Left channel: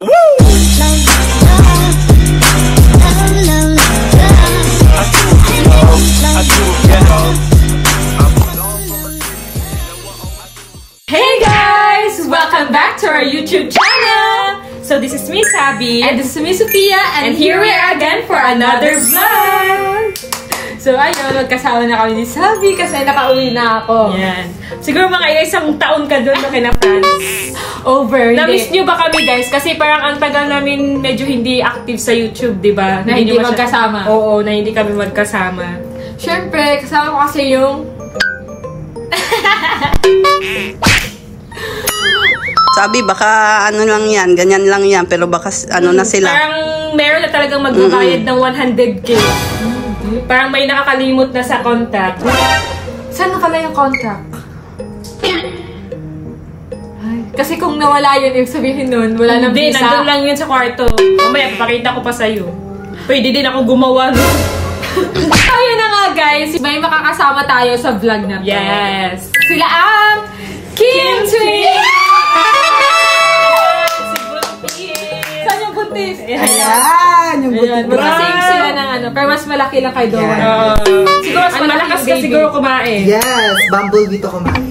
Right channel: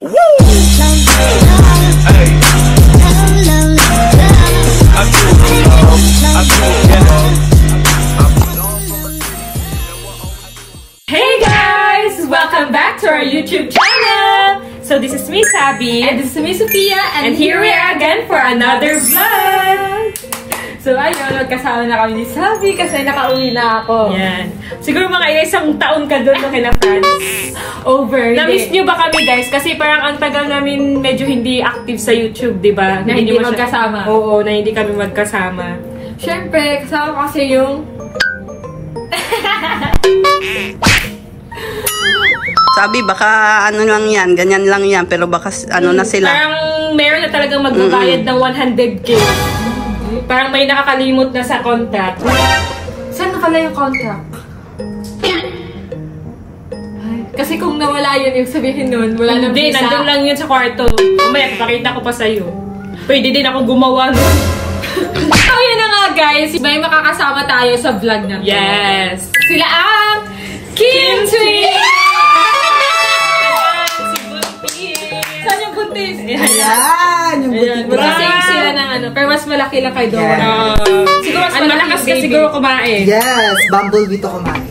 Hey guys! Welcome back to our YouTube channel! So this is me, Sabi. And this is me, Sophia. And here we are again for another vlog! So ayun, magkasama na kami ni Sabi kasi nakauwi na ako. Yan. Siguro mga isang taon ka doon no kina France. Over. Na-miss nyo ba kami guys? Kasi parang ang tagal namin medyo hindi active sa YouTube, di ba? Na hindi magkasama. Oo, na hindi kami magkasama. Siyempre, kasama ko kasi yung... Sabi, baka ano lang yan, ganyan lang yan, pero baka ano na sila. Parang meron na talagang magbabayad ng 100K. Parang may nakakalimot na sa contact. Saan nakala yung contract? Ay, kasi kung nawala yun, yung sabihin nun, wala nang Hindi, visa. nandun lang yun sa kwarto. Mamaya, papakita ko pa sa'yo. Pwede din ako gumawa nun. Ayun na nga guys, may makakasama tayo sa vlog na to. Yes! Sila ang Kim Twins! Si Buntis! Saan yung buntis? Ayan, yung Ayan, buti. Same sila ng ano, pero mas malaki lang kay Doa. Siguro mas ang malakas ka siguro kumain. Yes, bumblebee to kumain.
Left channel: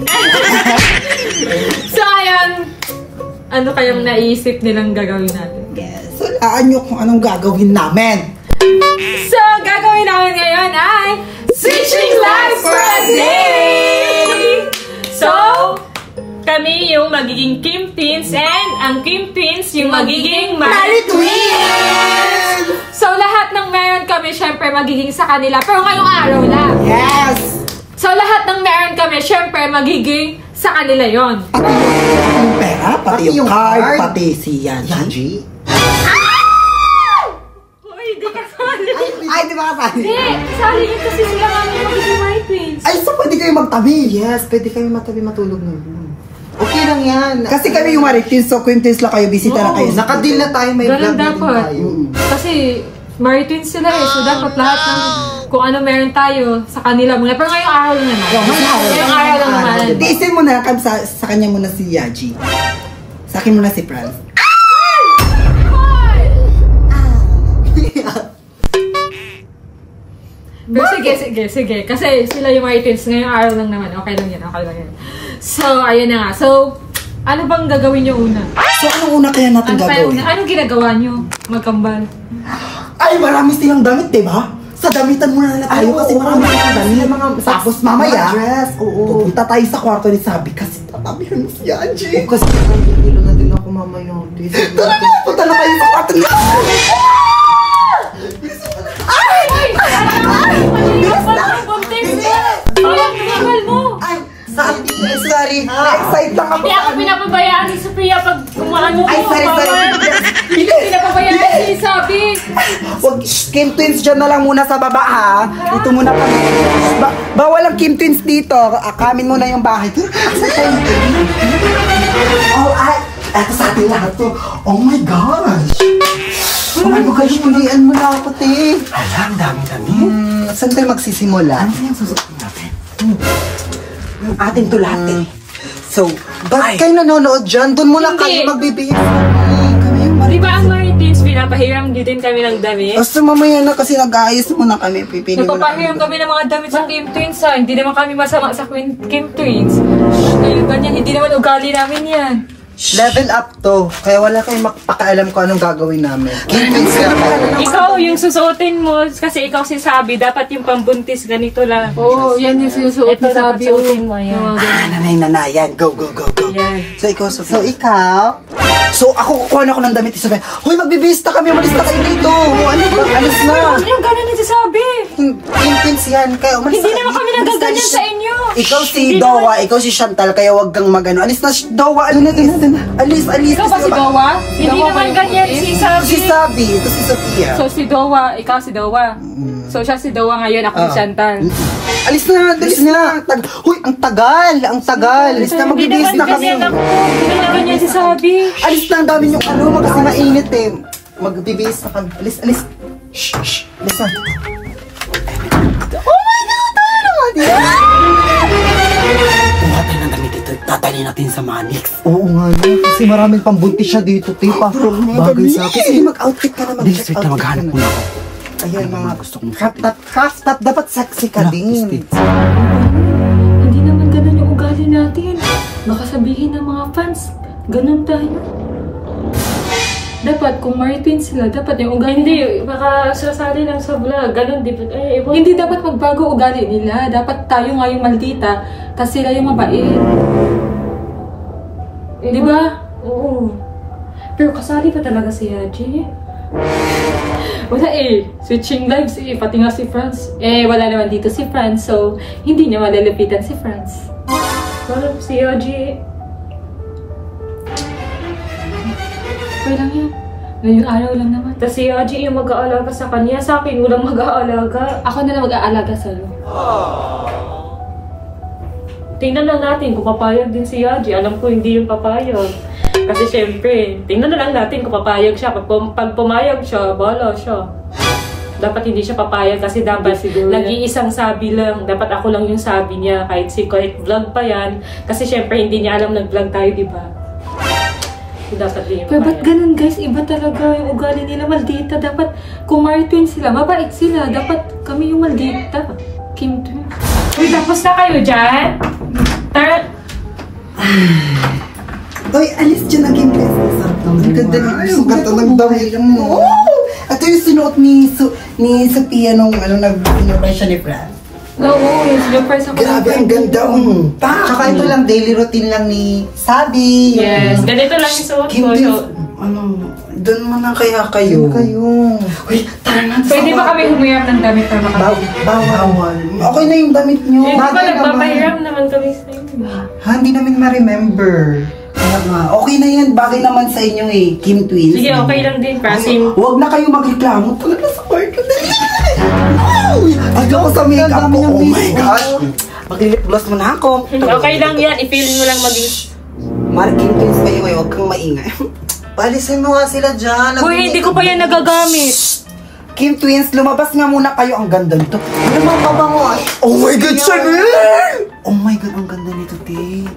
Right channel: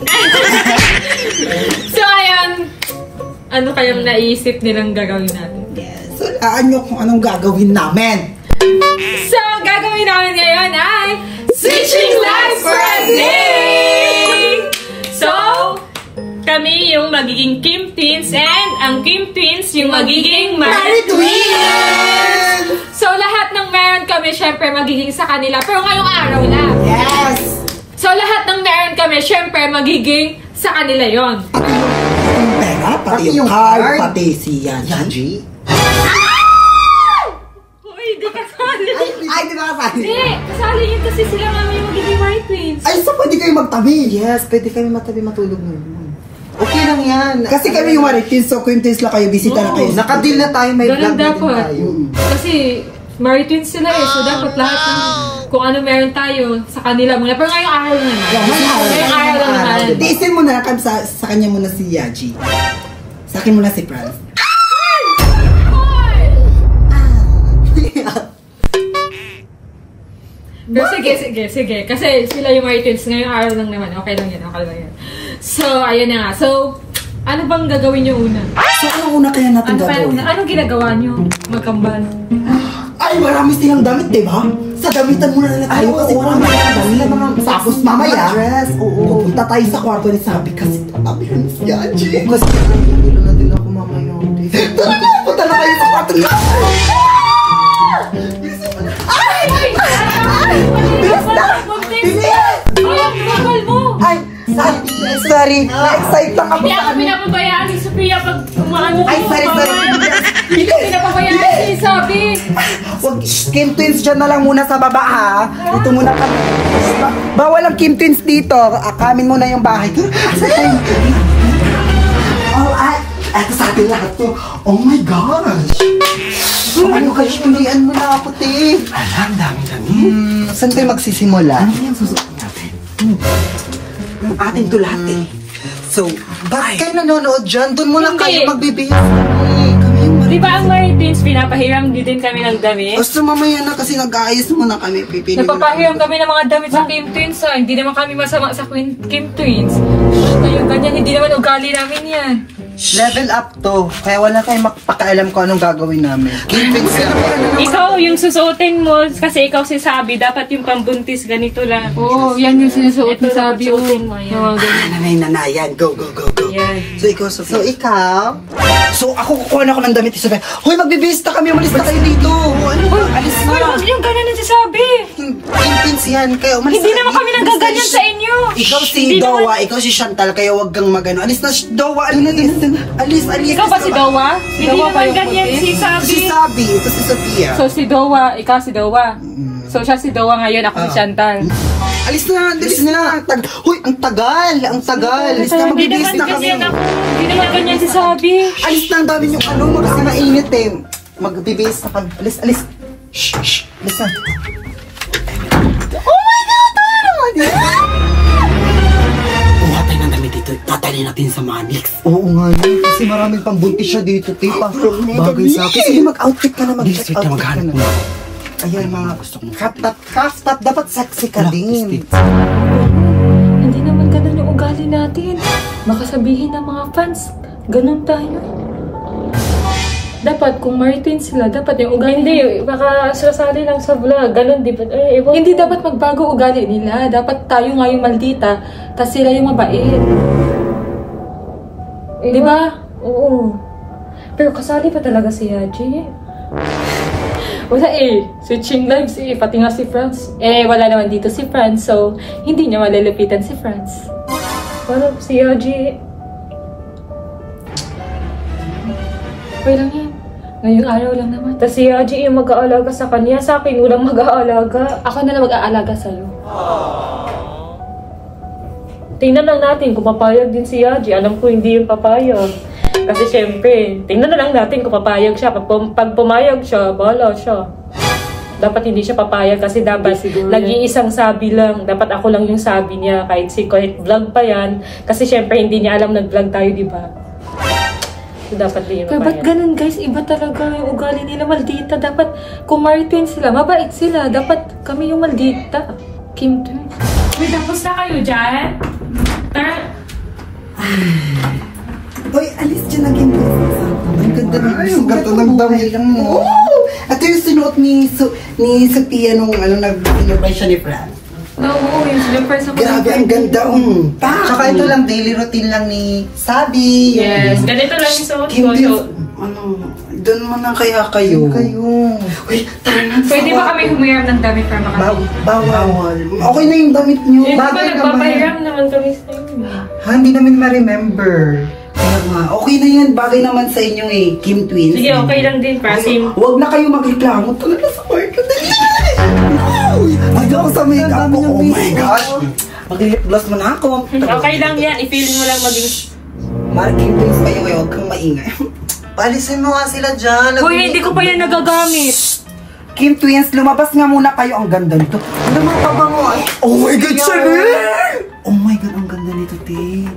So ayan, ano kayang naisip nilang gagawin natin? Yes, hulaan nyo kung anong gagawin namin. So, gagawin namin ngayon ay Switching Lives for a Day! So, kami yung magiging Kim Twins and ang Kim Twins yung magiging Mari Twins! So, lahat ng meron kami, syempre, magiging sa kanila. Pero ngayong araw na. Yes! So, lahat ng meron kami, syempre, magiging sa kanila yon. Pati yung pera, pati yung card, pati si Yanji. Uy, di ka sali! Ay, di ba kasali? Hindi, sali yun kasi sila kami yung magiging Mari Twins. Ay, so pwede kayo magtabi? Yes, pwede kayo magtabi matulog nun. Okay lang yan. Kasi kami yung Maritins, so Quintins lang kayo, bisita lang kayo. Nakadeal na tayo, may Ganun vlog na din dapat. tayo. Kasi, Mari Twins sila eh. So, dapat lahat ng kung ano meron tayo sa kanila muna. Pero ngayong araw na naman. Ngayong araw lang naman. Tiisin mo na, sa kanya muna si Yaji. Sa akin muna si Franz. Pero sige. Kasi sila yung Mari Twins. Ngayong araw lang naman. Okay lang yan. So, ayun na nga. So, ano bang gagawin nyo una? So, anong una kaya natin gagawin? Anong ginagawa nyo? Magkambal? Ay, marami silang damit, diba? Sa damitan muna na tayo kasi marami silang damit. Mga tapos mamaya, pupunta tayo sa kwarto ni Sabi kasi tatabihan si Yaji. Kasi nandilo na din ako mamaya. Tara na, punta na tayo sa kwarto ni Sabi. Ay, Sabi, sorry. Excited lang ako. Hindi ako pinapabayaan si Sophia pag umaano Ay, sorry. Hindi pinapabayaan si Sabi. Wag, Kim Twins dyan na lang muna sa baba ha. Dito muna kami. Bawal ang Kim Twins dito. Akamin muna yung bahay. Oh, ay. Eto sa atin lahat to. Oh my gosh. Ano kayo, hulian mo na ako, te. Alam, dami-dami. Saan tayo magsisimula? Ano yan susukin natin? Yung ating to lahat eh. So, bakit kayo nanonood dyan? Doon muna Hindi. kayo magbibihis. Di ba ang Mari Twins, pinapahiram din kami ng damit? Basta mamaya na kasi nag-aayos muna kami. Pipili mo na Napapahiram kami ng mga damit sa Kim Twins ha. Hindi naman kami masama sa Kim Twins. Ayun, ganyan. Hindi naman ugali namin yan. Level up to. Kaya wala kayong makapakaalam kung anong gagawin namin. Kim Twins yan. Ikaw yung susuotin mo kasi ikaw si Sabi. Dapat yung pambuntis ganito lang. Oo, yan yung sinusuot ni Ito lang Sabi. susuotin mo, yan. Oo, ganun. Nanay-nanayan. Go, go, go, go. Yan. So, ikaw, Sophia. So, ikaw? So, ako kukuha na ako ng damit. Sophia, hoy, magbibista kami. Umalis na kayo dito. Ano ba? Alis na. Huwag yung ganun na si Sabi. Kim Twins yan. Kaya umalis Hindi na naman kayo. kami nagaganyan sa inyo. Ikaw si Hindi Dowa, ikaw si Chantal, kaya wag kang magano. Alis na, Dowa, ano na din? Alis. Ikaw ba si Dowa? Hindi naman ganyan si Sabi. Si Sabi, ito si Sophia. So, si Dowa, ikaw si Dowa. So, siya si Dowa ngayon, ako si Chantal. Alis na, alis na. Hoy, ang tagal. Alis na, Hindi magbibihis naman na kami. ganyan ako. Hindi naman ganyan si Sabi. Alis na, ang dami niyong ano, kasi mainit eh. Magbibihis na kami. Alis. Shh. Alis na. Oh my God! Ano naman yan? Kumuha tayo ng damit ito, tatali natin sa Manix. Oo nga yun. Kasi maraming pambuntis siya dito, tipa. Bagay sa akin. Sige, mag-outfit ka naman. Wait na, maghanap muna ako. Ayan, mga gusto kong half top. Dapat sexy ka din. Hindi naman ganun yung ugali natin. Baka sabihin ng mga fans, ganun tayo. Dapat, kung Martin sila, dapat yung ugali. Hindi, baka sasali lang sa vlog. Ganon, di ba? Hindi dapat magbago ugali nila. Dapat tayo nga yung maldita, tas sila yung mabait. Di ba? Oo. Pero kasali pa talaga si Haji. Wala eh. Switching lives eh. Pati nga si Franz. Wala naman dito si Franz. So, hindi niya malalapitan si Franz. Parang si Haji. Okay lang yan. Ngayong araw lang naman. Tapos si Haji yung mag-aalaga sa kanya. Sa akin, walang mag-aalaga. Ako na lang mag-aalaga sa'yo. Tingnan lang natin kung papayag din si Haji. Alam ko hindi yung papayag. Kasi syempre, tingnan na lang natin kung papayag siya. Pag pumayag siya, bahala siya. Dapat hindi siya papayag kasi dapat nag-iisang sabi lang. Dapat ako lang yung sabi niya kahit vlog pa yan. Kasi syempre hindi niya alam nag-vlog tayo, di ba? Dapat din Pero ba't ganun guys? Iba talaga yung ugali nila, maldita. Dapat kung Martin sila, mabait sila. Dapat kami yung maldita. Kim Twins. Uy, tapos na kayo dyan? Tara. Hoy, alis dyan ang game. Ang ganda ng damit mo. Ito yung sinuot ni Sophia nung nag-invite siya ni Fran. Oo, yung slippers ako. Grabe, ang ganda. Tsaka ito lang, daily routine lang ni Sabi. Yes, ganito lang yung suot ko. Doon mo na kaya kayo. Uy, tara na. Pwede ba kami humiram ng damit para makapagod? Bawal. Okay na yung damit nyo. Hindi ba nagpapahiram naman kami sa inyo? Hindi namin ma-remember. Okay na yan. Bagay naman sa inyo eh. Kim Twins. Sige, okay lang din. Kasi huwag na kayo magreklamo. Talaga sa park. Ayaw ko sa makeup ko. Oh my gosh. Mag-lip gloss mo na ako. okay lang yan. I-feeling mo lang maging... Kim Twins kayo ngayon. Huwag kang maingay. Alisin mo nga sila dyan. Uy, hindi ko pa yan nagagamit. Kim Twins, lumabas nga muna kayo. Ang ganda nito. Lumabango. Oh my God, Chanel! Oh my God, ang ganda nito, te.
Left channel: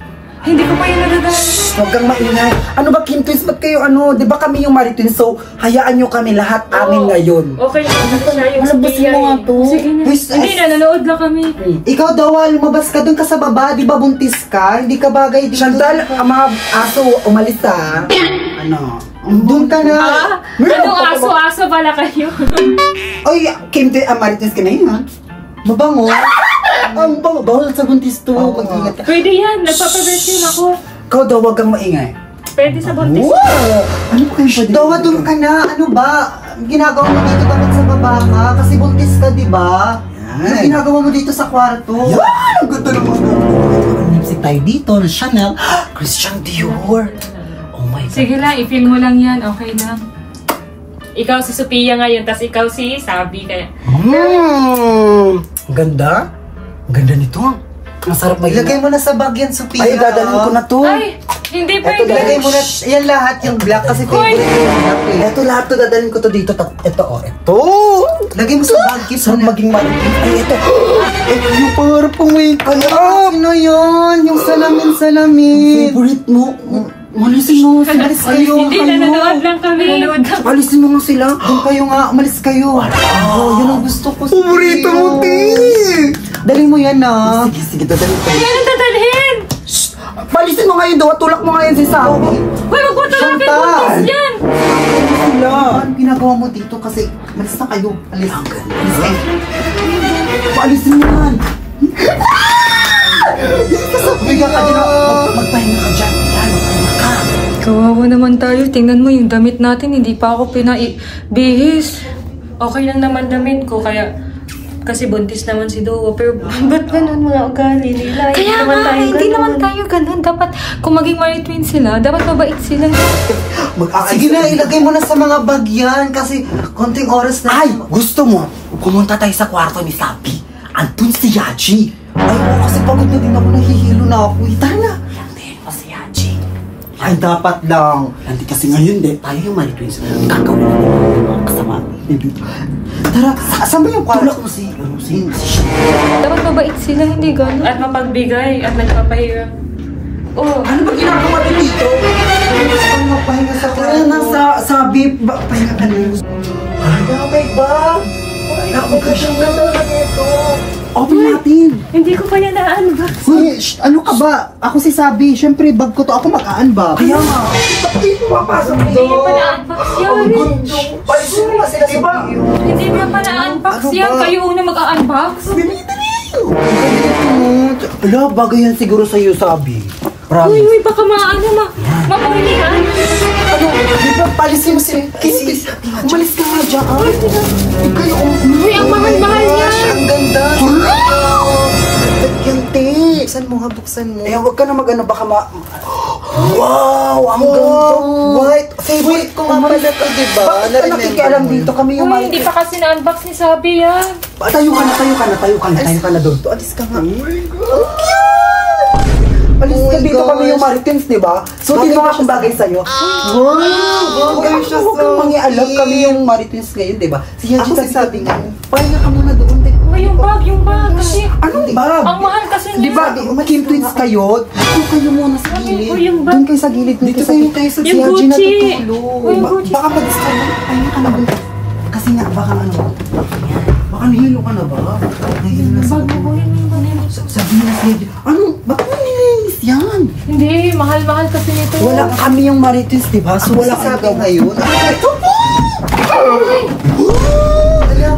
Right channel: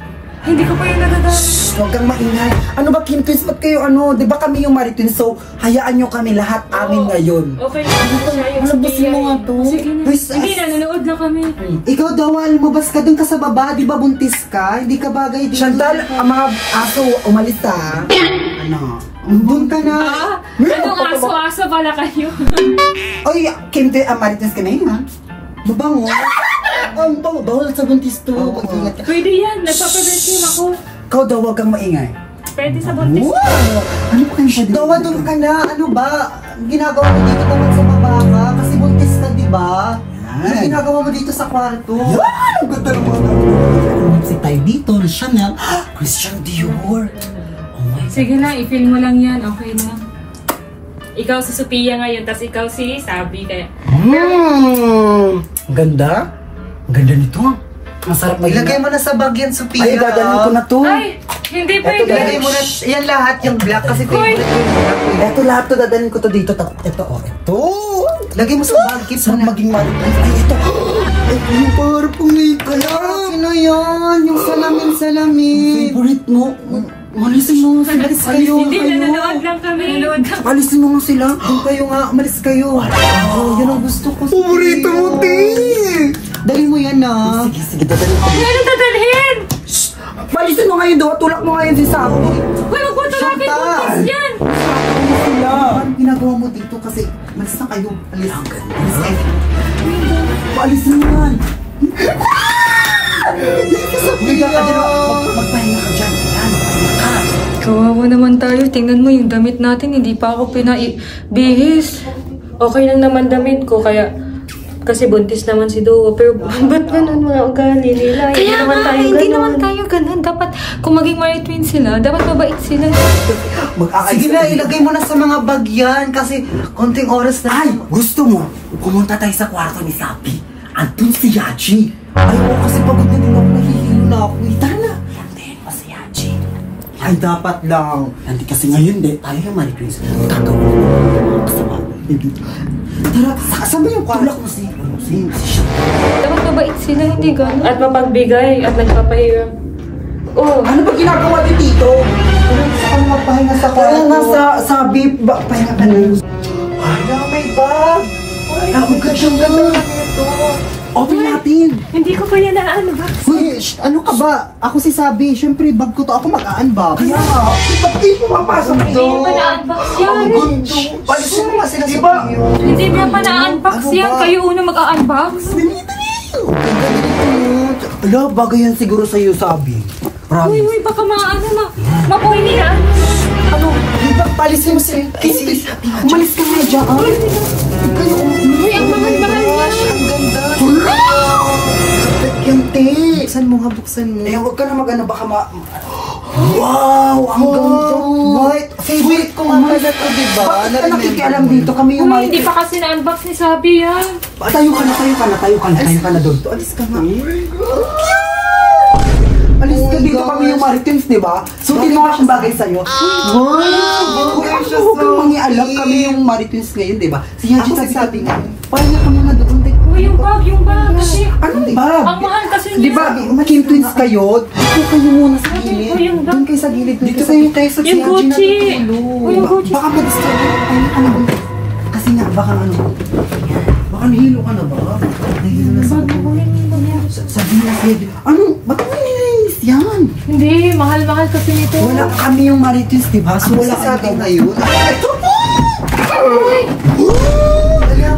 Hindi ko pa yung nagagamit. Huwag kang maingay. Ano ba, Kim Twins? Ba't kayo di ba kami yung Maritwins? So, hayaan nyo kami lahat amin ngayon. Okay, siya yung Malabasin mo nga to. Sige na. Hindi, nanonood lang kami. Ikaw daw, lumabas ka doon ka sa baba. Di ba buntis ka? Hindi ka bagay dito. Chantal, ang mga aso, umalis ha. Doon ka na. Anong aso-aso pala kayo? Ay, Kim Twins, Maritwins ka na yun ha. Mabango. Ang bango. Bawal sa buntis to. Mag-ingat ka. Pwede yan. Nagpapabensin ako. Ikaw daw, huwag kang maingay. Pwede sa buntis. Wow! Ano kayo pwede? Dawa, doon ka na. Ano ba? Ginagawa mo dito dapat sa baba ka. Kasi buntis ka, di ba? Ano ginagawa mo dito sa kwarto? Yan! Ang ganda ng mga lipstick tayo dito. Chanel. Christian Dior. Oh my God. Sige lang, i-feel mo lang yan. Okay na. Ikaw si Sophia ngayon, tas ikaw si Sabi. Kaya... Ang ganda. Ang ganda nito. Ang sarap maging. Ilagay mo na sa bag yan, Sophia. Ay, dadalhin ko na to. Ay, hindi Ito, pwede. dadalhin mo na. Yan lahat, yung black kasi favorite ko. Ito lahat to, dadalhin ko to dito. Ito, ito. Lagay mo sa bag. Sarap maging Maritwins. Ay, ito. Ito yung para pang makeup. Ano yun? Yung salamin. Favorite mo. Malisin mo. Malis kayo. Hindi, nanonood lang kami. Alisin mo nga sila. Doon kayo nga. Umalis kayo. Yun ang gusto ko. Paborito mo, Ti. Dali mo yan, na. Sige, dadalhin ko. Ano dadalhin? Palisin mo ngayon daw. Tulak mo ngayon si Sabi. Uy, wag mo tulapin. Buntis yan. Ano ginagawa mo dito? Kasi malis na kayo. Alis. Alis kayo. Paalisin mo yan. Umiga ka dyan. Magpahinga ka dyan. Yan, magpahinga ka. Kawawa naman tayo. Tingnan mo yung damit natin. Hindi pa ako pinaibihis. Okay lang naman damit ko, kaya... Kasi buntis naman si Duo. Pero ba't ganun mga ugali nila? Kaya nga, hindi naman tayo ganun. Dapat, kung maging Maritwins sila, dapat mabait sila. Sige na, ilagay mo na sa mga bag yan. Kasi konting oras na. Ay, gusto mo? Pumunta tayo sa kwarto ni Sabi. Andun si Yaji. Ay, kasi pagod na din ako. Nahihilo na ako. Tara na. Hindi pa si Yaji. Ay, dapat lang. Hindi kasi ngayon, tayo yung Maritwins. Kakawin na yung mga kasama. Tara, saan ba yung kwarto? Tulak mo si Dapat mabait sila, hindi ganun. At mapagbigay at nagpapahiram. Oh, Ano ba ginagawa ni Tito? Ano nga pahinga sa Kaya nasa sabi, pahinga ka na yun. Ay, may bag. Ako ka siyang kamera nito. Open natin. hindi ko pa yan na-unbox. Uy, ano ka ba? Ako si Sabi. Siyempre, bag ko to. Ako mag-unbox. Kaya nga. Ba't di pumapasok Hindi doon? pa na-unbox yan. Ang gundo. Palisin mo nga sila, di ba? Hindi pa na-unbox Ano yan. ba? Kayo una mag-unbox. Ala, bagay yan siguro sa'yo, Sabi. Promise. Uy, baka mapuli ka. Ano? Di ba palisin mo si Casey? Umalis ka nga dyan. Ikaw Uy, ang mahal-mahal yan. Ang ganda. yan, te. Buksan mo nga, buksan mo. Eh, huwag ka na mag-ano, baka Wow! Ang ganda! White! Favorite ko nga pala to, diba? Bakit ka nakikialam dito? Kami yung Uy, hindi pa kasi na-unbox ni Sabi yan. Tayo ka na doon. Alis ka nga. Alis ka dito, kami yung Maritimes, diba? Sutin mo nga kung bagay sa'yo. Wow! Huwag kang mangialam, kami yung Maritimes ngayon, diba? Siya, Ako sabi nga. pahinga ka muna doon. Uy, yung bag. Kasi, Anong bag? ang mahal kasi Di ba, Kim Twins kayo? Dito kayo muna sa gilid. Uy, yung bag. Doon kayo sa gilid. Dito kayo sa Yung Gucci. Uy, yung Gucci. Baka mag-disturb. Pahinga ka na doon. Kasi nga, baka ano. Baka nahilo ka na ba? Nahilo na sa sabi na siya. Ano? Ba't mo nilinis yan? Hindi, mahal-mahal kasi nito. Wala kami yung Maritimes, di ba? So wala kayo daw ngayon.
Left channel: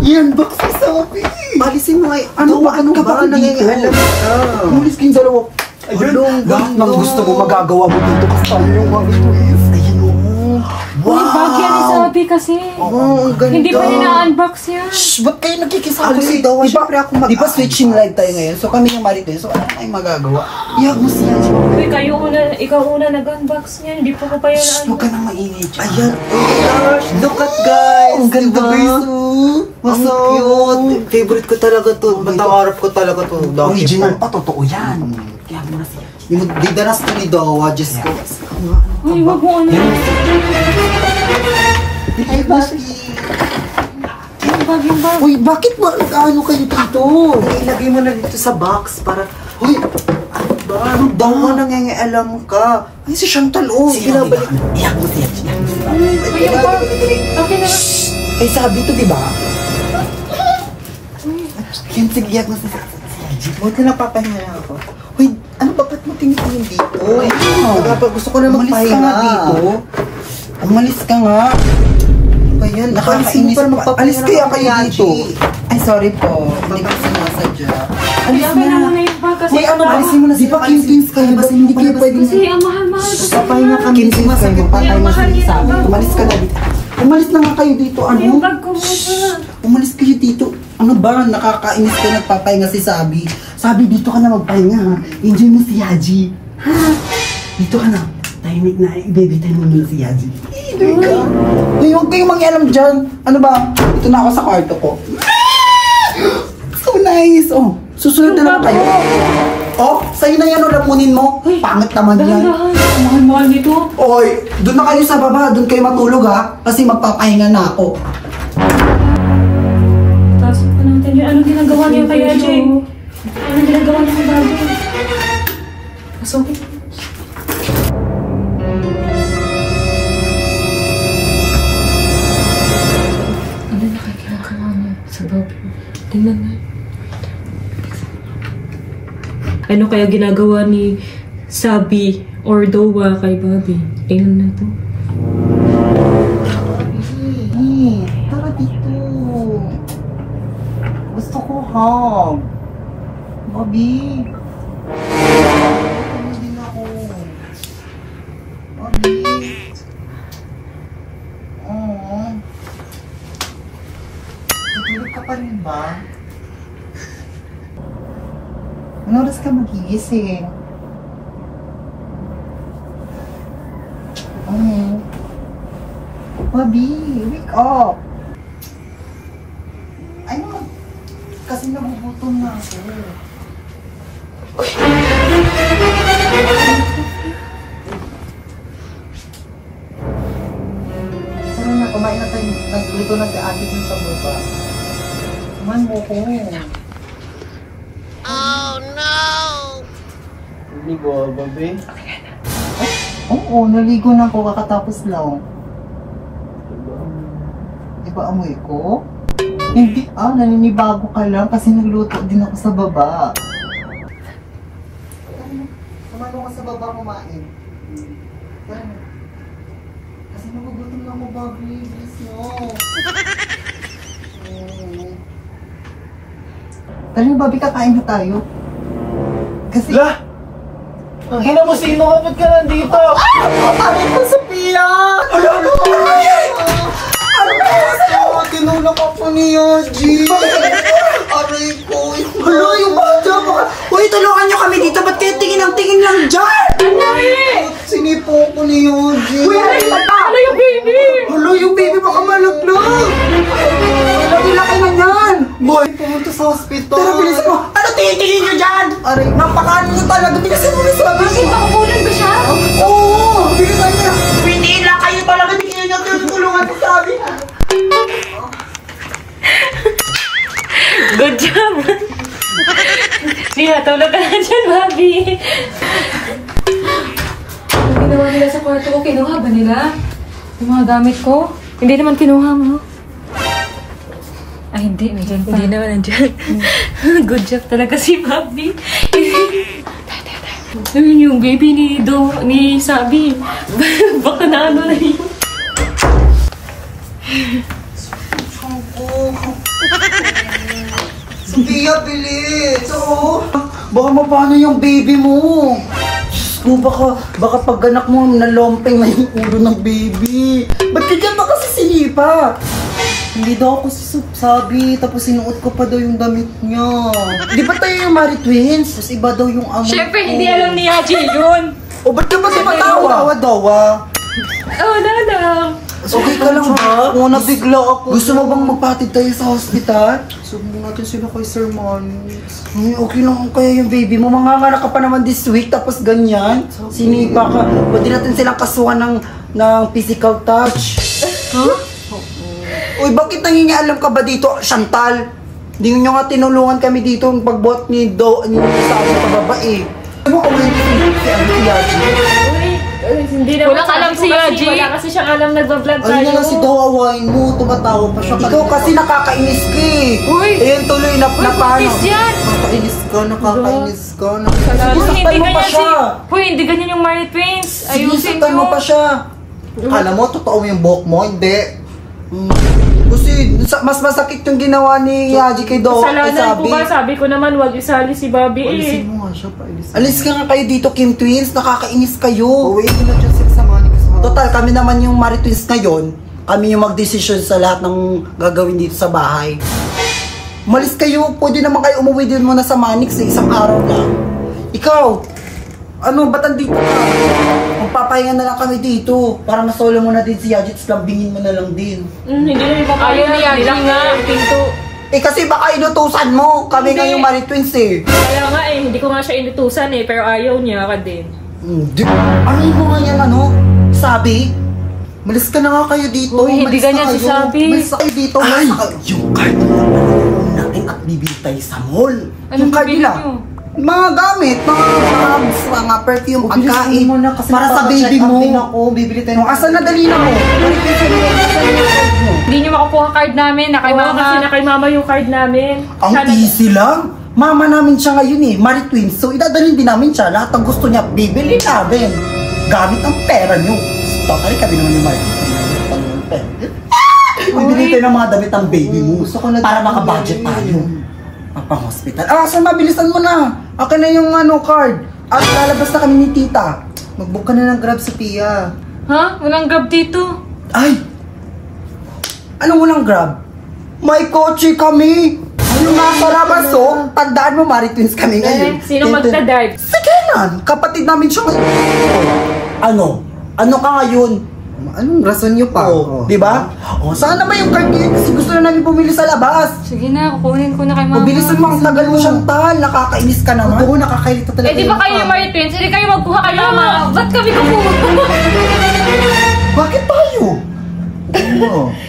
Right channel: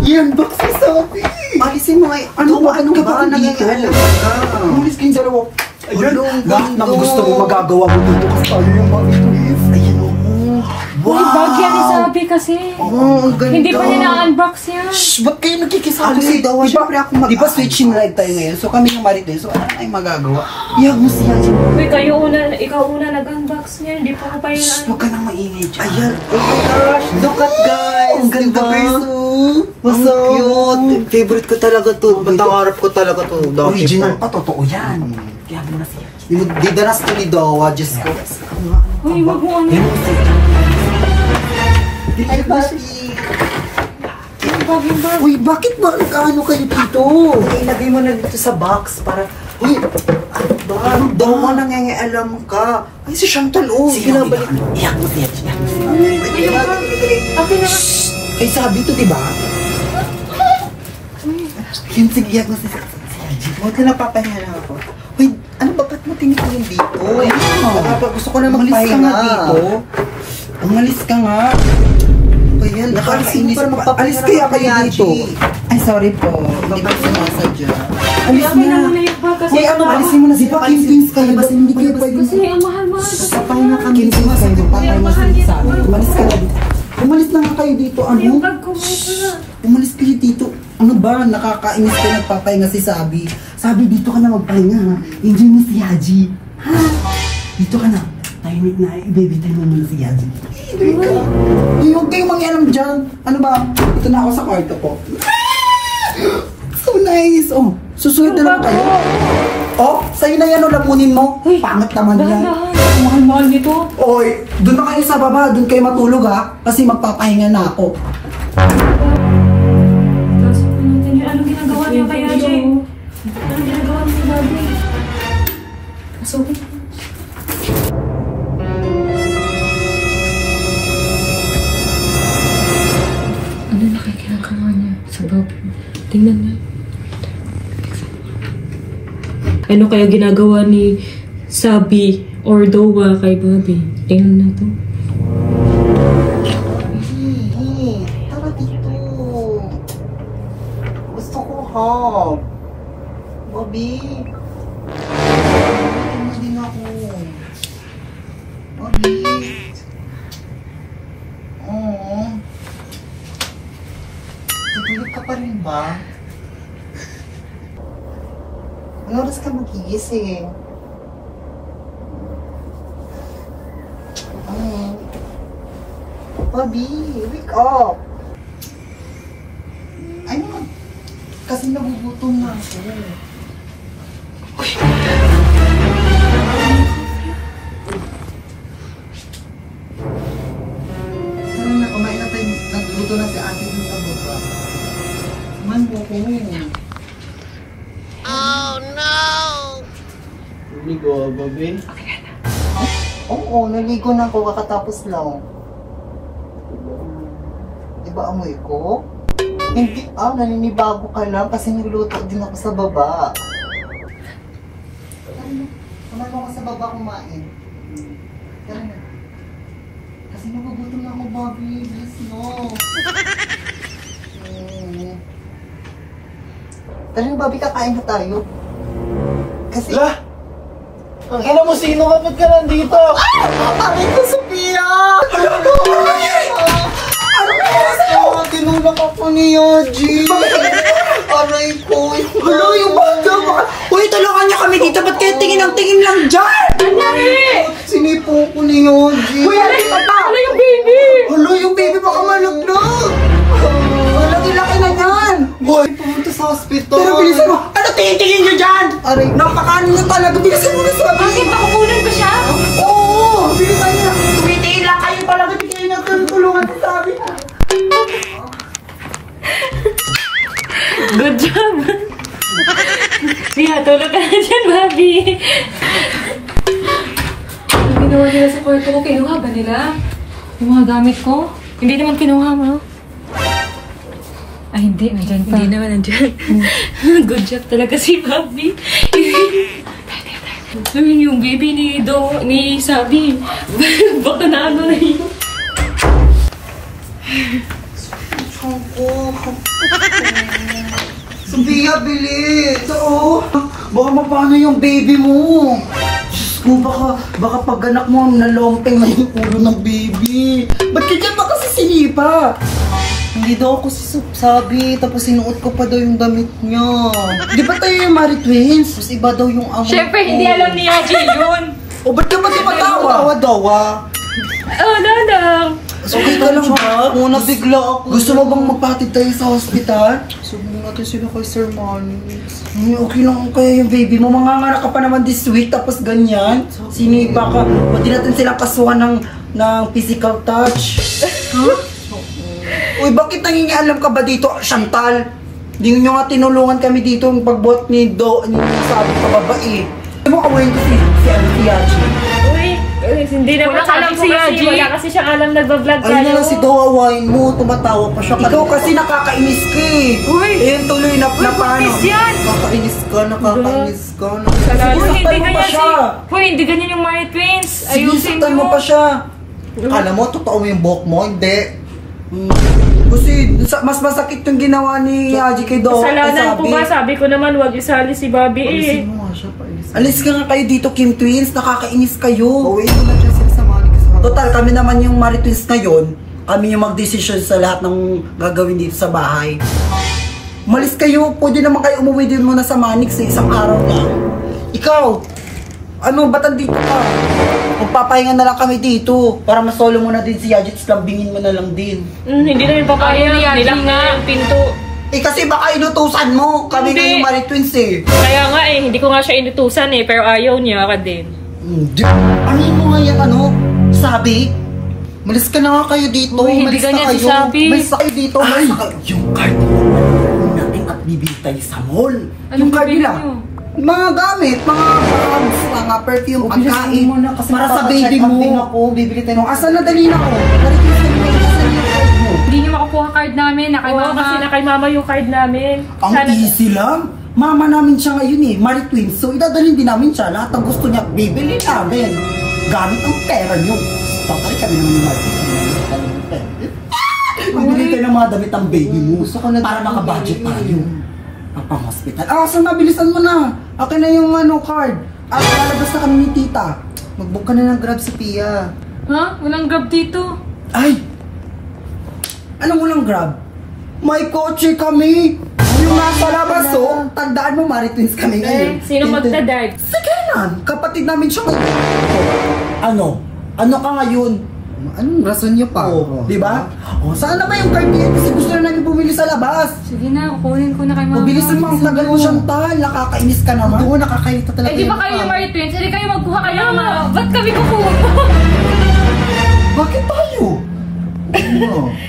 Yan, baka sasabi. Alisin mo nga. Ano ba? Ano ba? nangyayaalam ka? Umalis kayong dalawa. Ayun, Lahat ng gusto mo magagawa mo dito kasi tayo yung Maritimes. Ayun o. Uy, bag yan ni Sabi kasi. Oo, ang ganda. Hindi pa rin na-unbox yan. Shh, ba't kayo nagkikisali? Ako si Dawa, syempre ako Di ba switching live tayo ngayon? So kami yung Maritimes. So ano tayong magagawa? Iyag mo siya. Uy, ikaw una nag-unbox niyan. Hindi pa ko pa yun Huwag ka nang maingay dyan. Ayan. Oh my gosh. Look at guys. Ang ganda, Diba? guys, oh. Ang cute. Favorite ko talaga to. Matangarap ko talaga to. Original pa, totoo yan. Kaya mo na siya. Didanas ko ni Dawa. Diyos ko. Uy, wag mo ano. Ay, bakit? Yung bag. Uy, bakit ba? Ano kayo dito? Ilagay mo na dito sa box para... Uy, Ano Dawa, nangyayaalam ka. Ay, si Chantal, oh. sige na, Binabalik. iyak mo siya. Uy, yung bag. Okay na. Ay, sabi to, di ba? Yan, sige, iyak mo siya. Buti na papahinga na ako. Uy, ano ba? Ba't mo tinitingin dito? Uy, kaya pa gusto ko na Umalis ka magpahinga. nga dito. Umalis ka nga. Ayan, Nakakainis para pa. Alis kaya kayo dito. Ay, sorry po. Hindi ko sinasadya. Alis Okay na na. muna yung bag kasi. Uy, ano, alisin mo na. Di ba, Kim Twins kayo? Kasi hindi kayo pwede. Kasi ang mahal-mahal. Papahinga kami. Kim Twins kayo. Papahinga kayo sa amin. Umalis ka na dito. Umalis na nga kayo dito. Yung Ano? bag ko muna. Umalis kayo dito. Ano ba? Nakakainis ka nagpapahinga si Sabi. Sabi, dito ka na magpahinga ha. Enjoy mo si Yaji. Ha? Dito ka na. Tahimik na. Baby time mo muna si Yaji. Enjoy ka. Uy, huwag kayong mangialam dyan. Ano ba? Ito na ako sa kwarto ko. So nice. Oh, susunod na lang kayo. Oh, sa'yo na yan o lamunin mo. Pangit naman yan. Dahan-dahan. Ang mahal-mahal nito. Oy, doon na kayo sa baba. Doon kayo matulog ha. Kasi magpapahinga na ako. Tapos pa natin yun. Anong ginagawa niya kaya, Jay? Anong ginagawa niya kay Bobby? Masukit. Ano nakikinagawa niya sa Bobby? Tingnan niya. Ano kaya ginagawa ni Sabi or Dawa kay Bobby? Tingnan na to. Tara dito. Gusto ko hug. Bobby. Ano din ako. Bobby. Oo. Tutulog ka pa rin ba? Ano oras ka magigising? Bobby, wake up! Ay naman, kasi nagugutom na ako. Tara na, kumain na tayo. Nagluto na si ate dun sa baba. Kumain mo ko. Hindi ko, babe. Oo, naligo na ako kakatapos lang. Di ba amoy ko? Hindi, naninibago ka lang kasi nagluto din ako sa baba. Kumain ko sa baba kumain. Tara na. Kasi nagugutom na ako, Bobby. Please, no. Tara na, Bobby, kakain na tayo. Kasi... La! Ang hina mo, sino kapag ka nandito? Aray ko, Sophia! Ano ba? Tinulak ako ni Yaji. Aray ko. Hala, yung banda. Uy, tulungan niyo kami dito. Ba't kayo tingin ang tingin lang dyan? Sinipo ko ni Yaji. Uy, ano yung baby? Hala, yung baby baka malaglag. Laki-laki na dyan. Boy, pumunta sa hospital. Pero bilisan mo. Ano tingin-tingin niyo dyan? Aray, napakaano niyo talaga. Bilisan mo na sabi. Bakit makukunan ba siya? Oo, bilisan niyo. Tumitiin lang kayo talaga. Hindi kayo nagtulungan sa sabi. Good job! Mia, tulog ka na dyan, Bobby. Ang ginawa nila sa kwarto ko, kinuha ba nila? Yung mga gamit ko? Hindi naman kinuha mo. Ay, hindi. Nandiyan pa. Hindi naman nandiyan. Good job talaga si Bobby. Ayun yung baby ni Sabi. Baka na ano na yun. Sophia, bilis! Oo! Baka mapano yung baby mo? Diyos ko, baka pag anak mo, nalompeng na yung ulo ng baby. Ba't ka dyan ba kasi sinipa? Hindi daw ako sabi, tapos sinuot ko pa daw yung damit niya. Di ba tayo yung Mari Twins? Tapos iba daw yung amoy Siyempre, ko. hindi alam ni Yaji yun. O, ba't ka ba tumatawa? Tawa-tawa. Oh, lang. Okay ka lang ba? Oo, nabigla ako. Gusto mo bang magpatid tayo sa hospital? Sabihin natin sila kay Sir Manix. Okay lang kaya yung baby mo. Manganganak ka pa naman this week, tapos ganyan. Sinipa ka. Pwede natin silang kasuhan ng physical touch. Huh? Uy, bakit nangingialam ka ba dito, Chantal? Hindi nyo nga tinulungan kami dito yung pagbot ni sa ating kababae. Ano mo kawain si Yaji? Uy, hindi naman Wala alam si kasi Yaji. wala kasi siyang alam nag-vlog tayo. Ayun na lang si Dawawain mo, tumatawa pa siya. Ikaw kasi nakakainis ka eh. Uy! Ayun tuloy na paano. Inis yan! Nakakainis ka. Salamat. Sinasaktan mo pa siya. Uy, hindi ganyan yung Mari Twins. Ayusin Sinasaktan mo mo. pa siya. Kala mo, totoo yung buhok mo? Hindi. Kasi mas masakit yung ginawa ni Yaji kay Dawa. Kasalanan ko ba? Sabi ko naman, wag isali si Bobby eh. Alis ka nga kayo dito, Kim Twins. Nakakainis kayo. Uwi mo na dyan sila sa Manix. Total, kami naman yung Mari Twins ngayon. Kami yung mag-decision sa lahat ng gagawin dito sa bahay. Malis kayo. Pwede naman kayo umuwi din muna sa Manix eh. Isang araw lang. Ikaw, ano, ba't andito ka? Magpapahinga na lang kami dito. Para masolo mo na din si Yaji. Tapos lambingin mo na lang din. Hindi na rin kaya. Nilak na nga yung pinto. Eh kasi baka inutusan mo. Kami Hindi. nga yung Mari Twins eh. Kaya nga eh, hindi ko nga siya inutusan eh. Pero ayaw niya ka din. Ano ko nga yung ano? Sabi? Malis ka na nga kayo dito. Uy, hindi Malis na ganyan si kayo. Sabi. Malis na kayo dito. Malis na kayo. Yung card natin at bibili tayo sa mall. Yung card bibili nila. nyo? Mga gamit, mga bags, mga perfume, pagkain. mo na kasi para sa baby mo. Ako, bibili tayo ng Asan na dali na ko? Balik yung sa mga card mo. Hindi nyo makukuha card namin. Na kay Oo, mama. kasi na kay mama yung card namin. Ang easy lang. Mama namin siya ngayon eh, Mari Twins. So idadalhin din namin siya. Lahat ng gusto niya, bibili namin. Gamit ang pera niyo. Totally kami naman ni Mari Twins. Kami ng pera. Bibili tayo ng mga damit ng baby mo. Gusto ko na para din makabudget ng tayo. Pang-hospital. So mabilisan mo na. Akin na yung card. At lalabas na kami ni tita. Mag-book ka na ng Grab, Sophia. Ha? Walang grab dito. Ay! Anong walang Grab? May kotse kami! Yung nasa labas, oh! Tandaan mo, Mari Twins kami ngayon. Sino magdadrive? Sige na! Kapatid namin siya ngayon. Ano? Ano ka ngayon? Anong rason nyo pa? Oh, di ba? Oh, saan naman yung card niya? Kasi gusto na namin bumili sa labas. Sige na, kukunin ko na kay mama. Mabilisan mo, ang tagal mo siyang tal. Nakakainis ka naman. Oo, nakakailita talaga Eh, di ba kayo yung Mari Twins? Hindi kayo magkuha kay mama. Ba't kami kukuha? Bakit tayo?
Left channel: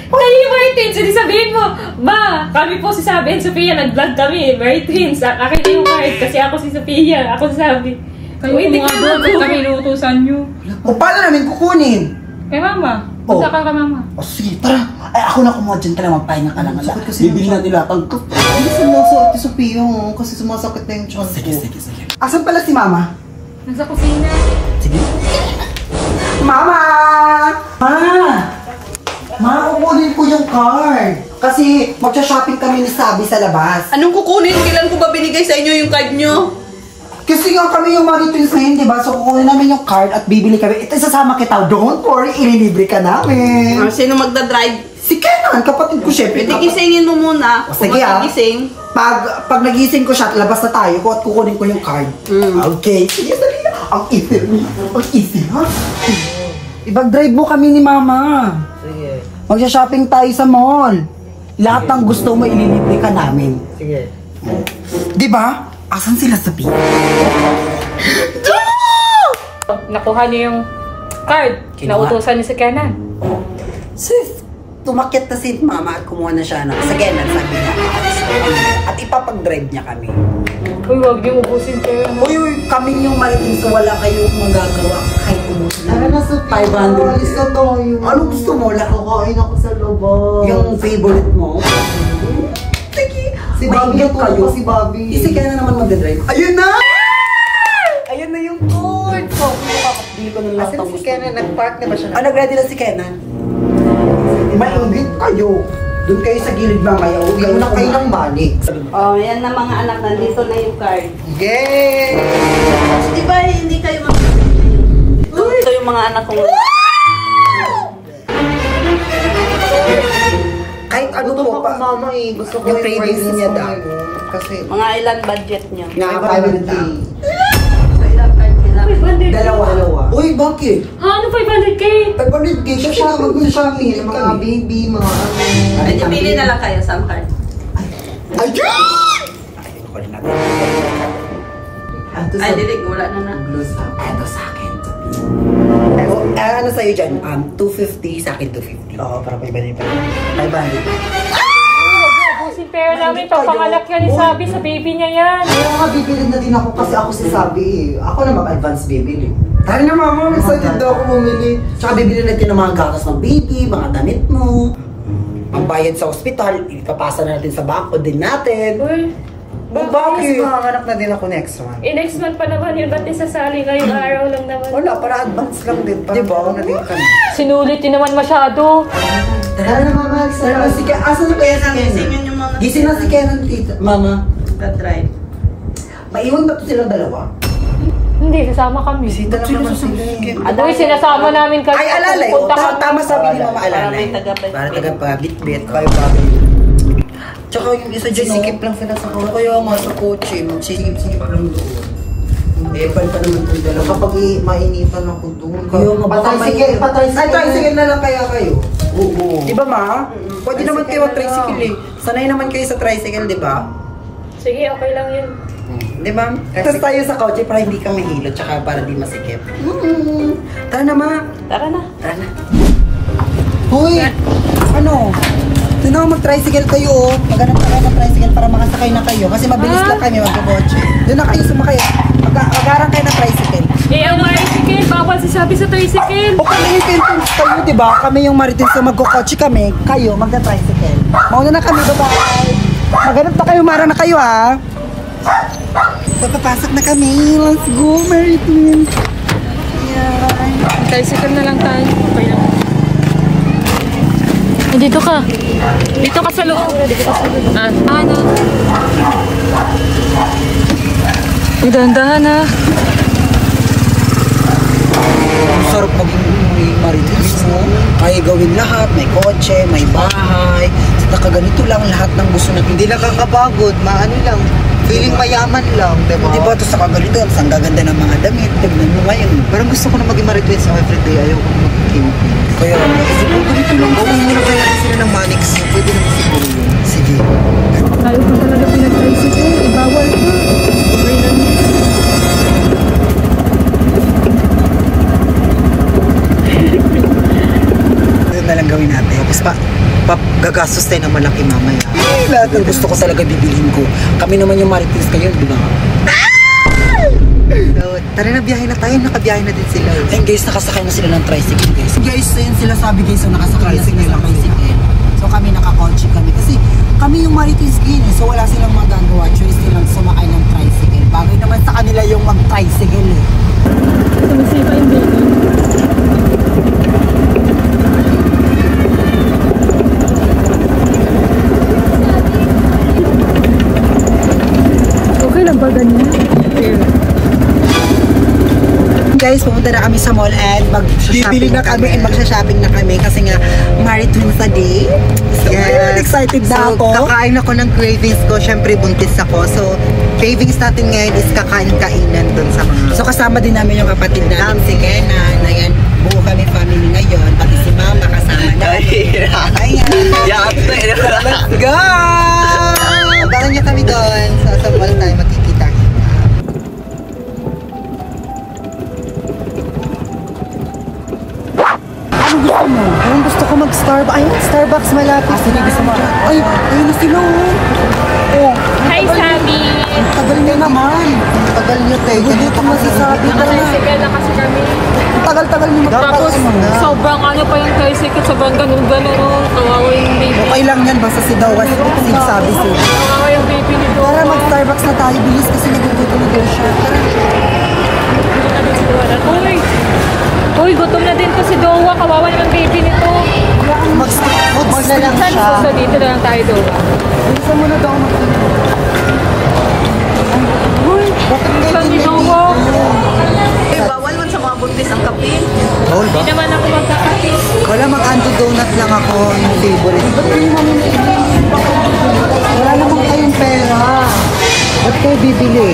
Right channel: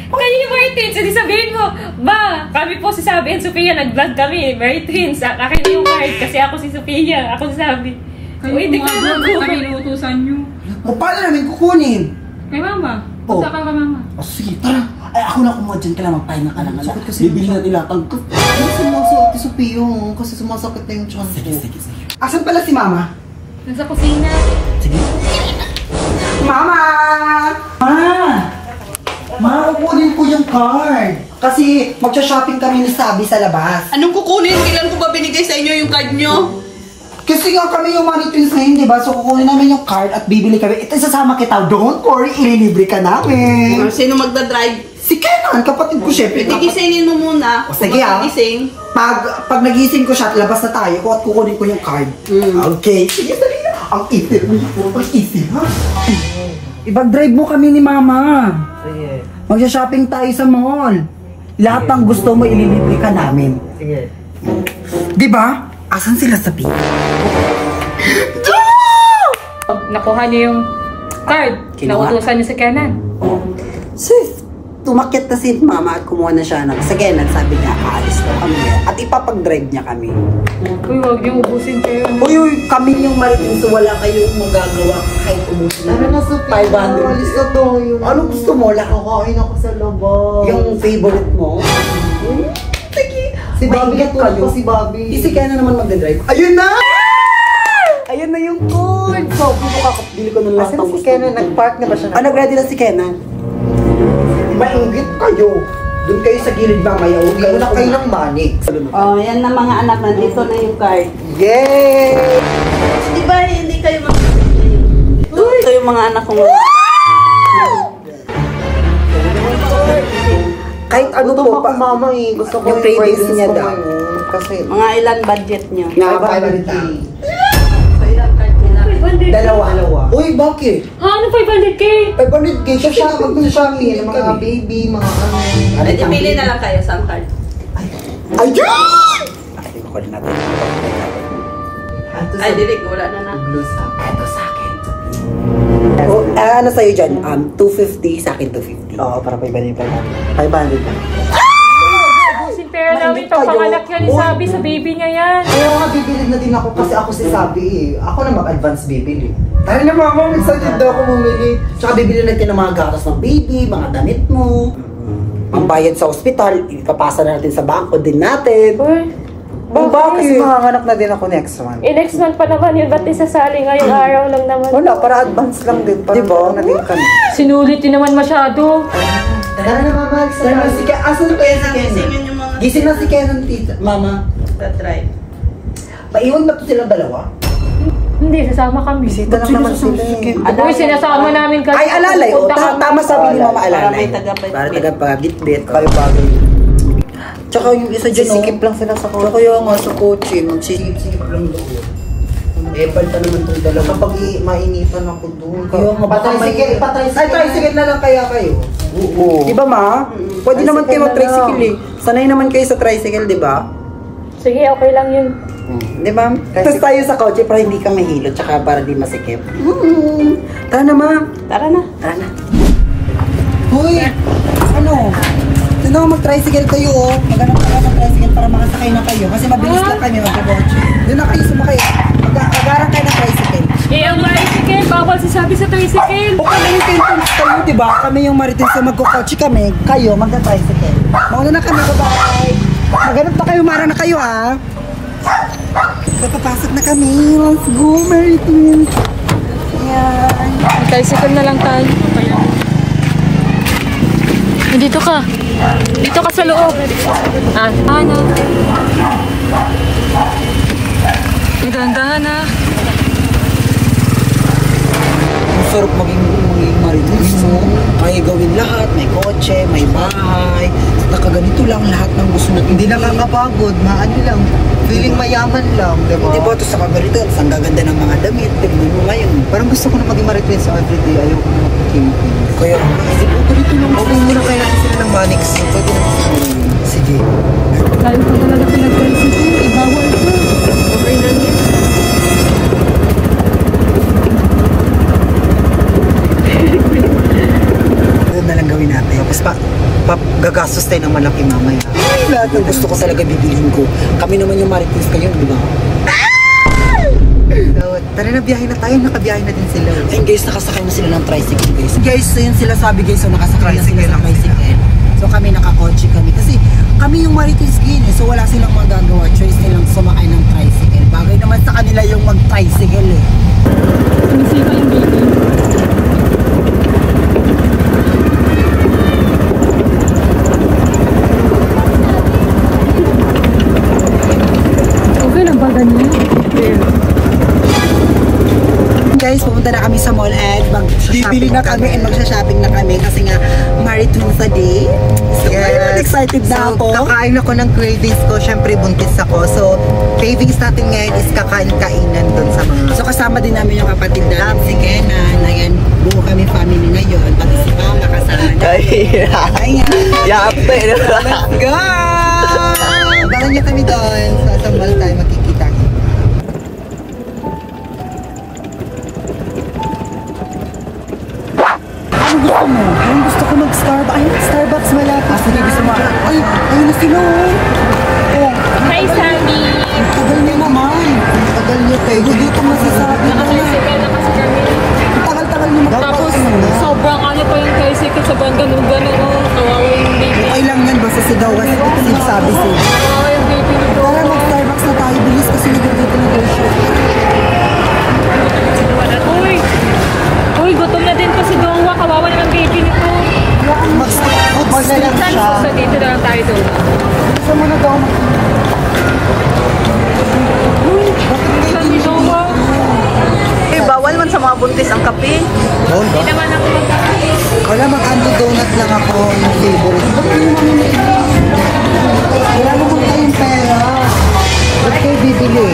Kayo yung Mari Twins, hindi sabihin mo, Ma, kami po si Sabi and Sophia, nag-vlog kami, Mari Twins. Akin yung card kasi ako si Sophia, ako si Sabi. Kayo hindi nga doon kami inuutusan nyo. O paano namin kukunin? Kay mama. Oh. Punta ka kay mama. O sige, tara. Ay, ako na kumuha dyan ka lang, magpahinga ka lang. Sakit kasi Bibili natin lahat ang ko. Hindi sumasakit si Sophia kasi sumasakit na yung tiyan ko. Sige. Asan pala si Mama? Nasa kusina. Sige. Mama! Ma, kukunin ko yung card. Kasi magsha-shopping kami ni Sabi sa labas. Anong kukunin? Kailan ko ba binigay sa inyo yung card nyo? Kasi nga kami yung Maritins ngayon, di ba? So kukunin namin yung card at bibili kami. Ito, isasama kita. Don't worry, ililibre ka namin. Sino magdadrive? Si Kenan, kapatid ko syempre. Gisingin mo muna. O, sige ah. Gising. Pag nagising ko siya, labas na tayo at kukunin ko yung card. Okay. Sige, dali na. Ang easy. Ang easy, ha? Ibag-drive mo kami ni Mama. Sige. Magsha-shopping tayo sa mall. Lahat ng gusto mo, ililibre ka namin. Sige. Di ba? Asan sila sa pin? Nakuha niyo yung card. Kinuha. Nautusan niyo si Kenan. Sis, tumakit na si Mama at kumuha na siya ng again, sabi niya, aalis na kami at ipapag-drive niya kami. Uy, huwag niyo ubusin kayo. Uy, kami yung Maritins, so wala kayong magagawa kahit umusin na. 500. Alis na tayo. Ano gusto mo? Kakain ako sa labas. Yung favorite mo? Sige. Si Bobby, Maingat kayo. si Bobby. Si Kena naman magdadrive. Ayun na! Ayun na yung code! So, kung kakabili ko ng lahat ng gusto. Nag-park na ba siya? Nag-ready na si Kena. Maingit kayo. Doon kayo sa gilid mamaya. Huwag kayo na kayo ng banig. Oh, yan na mga anak. Nandito na yung card. Yay! Di ba hindi kayo Ito yung mga anak kong... Kahit ano po pa. Mama eh. Gusto ko yung praise niya daw. Kasi, Mga ilan budget nyo? Nga, 500K. So, ilang card nila? Dalawa. Uy, bakit? Ha? Ano 500K? 500K. Sa shopping ng shopping. Mga baby, mga ano. Ay, di pili na lang kayo. Saan card? Ay, Diyos! ay, kukunin natin. Ay, dilig. Wala na na. Ito sa akin. Oh, ano sa'yo dyan? 250, sa akin 250. Oo, para 500. 500. Ubusin pera namin Maingit to. kayo. Pangalak yan ni Uy. Sabi sa baby niya yan. Kaya nga bibili na din ako kasi ako si Sabi eh. Ako na mag-advance bibili. Tayo na mama, excited daw ako bumili. Tsaka bibili natin ng mga gatas ng baby, mga damit mo. Pambayad sa ospital, ipapasa na natin sa bangko din natin. Uy. Kasi makakanap na din ako next month. Next month pa naman yun. Ba't isasali ngayong araw lang naman? Wala, para advance lang din. Para Diba? na din kami. Sinulit din naman masyado. Tara na mama, excited na si Ken. Asan na kaya si Ken? Gisingin yung mga... Gising na si Kenan, tita. Mama, Magdadrive. maiwan ba ito silang dalawa? Hindi, sasama kami. Bisita lang naman sila eh. Uy, sinasama namin kasi. Ay, alalay. O, tama sabi ni Mama Para alalay. may taga-bit. Para taga-bit-bit. Kayo bagay. Tsaka yung isa dyan, Sisikip lang sila sa Tsaka kaya nga sa kotse, magsisikip lang doon. Epal pa naman itong dalawa. Kapag mainitan ako doon. Kaya nga, baka Ay, tricycle na lang kaya kayo. Oo. Di ba, Ma? Pwede naman kayo mag-tricycle eh. Sanay naman kayo sa tricycle, di ba? Sige, okay lang yun. Di ba? Tapos tayo sa kotse para hindi ka mahilo, tsaka para di masikip. Tara na, Ma. Tara na. Tara na. Hoy! Ano? Doon ako mag-tricycle kayo oh. Maghanap ka lang ng tricycle para makasakay na kayo. Kasi mabilis lang kami mag-kotse. Doon na kayo sumakay. Mag-agarang kayo ng tricycle. Ang tricycle. Bawal si Sabi sa tricycle. O kami yung Kentons kayo, di ba? Kami yung Maritins na magkukotse kami. Kayo, magka-tricycle. Mauna na kami, bye-bye. Maghanap na kayo, mara na kayo ha. So, papasok na kami. Let's go, Maritins. Yan. Tricycle na lang tayo. Okay lang. Dito ka. Dito ka sa loob. Ano? Dahan-dahan na. Ang sarap maging Maritins, no? Kaya gawin lahat. May kotse, may bahay. Nakaganito lang lahat ng gusto natin. Hindi nakakapagod, maano lang. Feeling mayaman lang, di ba? Di ba? Ito sa kagalito, ang gaganda ng mga damit. Tignan mo ngayon. Parang gusto ko na maging Maritins everyday. Ayaw ko na magkikimpin. Kaya, di ba? Ganito lang. Huwag muna kaya natin sila ng Manix. Pwede naman siguro yun. Sige. Tayo pa talaga pinag-tricycle. Ibawal ko. Okay lang yan. Doon na lang gawin natin. Tapos gagastos tayo ng malaki mamaya. Lahat ng gusto ko talaga bibilhin ko. Kami naman yung Maritins kayo, di ba? So, tara na, biyahe na tayo. Nakabiyahe na din sila. Ayun guys, nakasakay na sila ng tricycle guys. Guys, so yun sila sabi guys, so nakasakay na sila ng tricycle. So kami nakakotse kami. Kasi kami yung marites gin eh. So wala silang magagawa. Choice nilang sumakay ng tricycle. Bagay naman sa kanila yung mag-tricycle eh. Sumisika yung baby. Okay lang ba ganyan? Guys, pumunta na kami sa mall and bibili na kami and magsha-shopping na kami kasi nga Married Twins a day. So, ayun, excited na ako. Kakain ako ng cravings ko. Syempre, buntis ako. So, cravings natin ngayon is kakain-kainan dun sa mga... So, kasama din namin yung kapatid namin. Sige na. Ayan, buo kami family ngayon. Pati si Mama kasama na. Ayan. Let's go! Abangan niyo kami doon. Sa mall tayo makikita. Ano gusto mo? Ayun, gusto ko mag-Starbucks. Ayun, Starbucks malapit. Sige, gusto mo? Ay, ayun na sila oh. Oh. Hi, Sabi! Tagal niya naman. Tagal niya tayo. Gugutom na si Sabi. Naka-tricycle na kasi kami. Tagal-tagal niya Tapos, sobrang ano pa yung tricycle, sobrang ganun-ganun. Kawawa yung baby. Okay lang yan, basta si Dawa si Sabi siya. Kawawa yung baby nito. Tara, mag-Starbucks na tayo. Bilis kasi nagugutom na daw siya. Uy, gutom na din to si Dowa. Kawawa naman baby nito. Mag-Starbucks na lang siya. So, dito na lang tayo, Dowa. Gusto mo na daw Uy, bakit Gusto ni Dowa. Eh, bawal man sa mga buntis ang kape. bawal ba? Hindi naman ako magkakati. Wala, mag-ando donut lang ako yung favorite. Ba't kayo mamimili? Wala naman kayong pera. Ba't kayo bibili?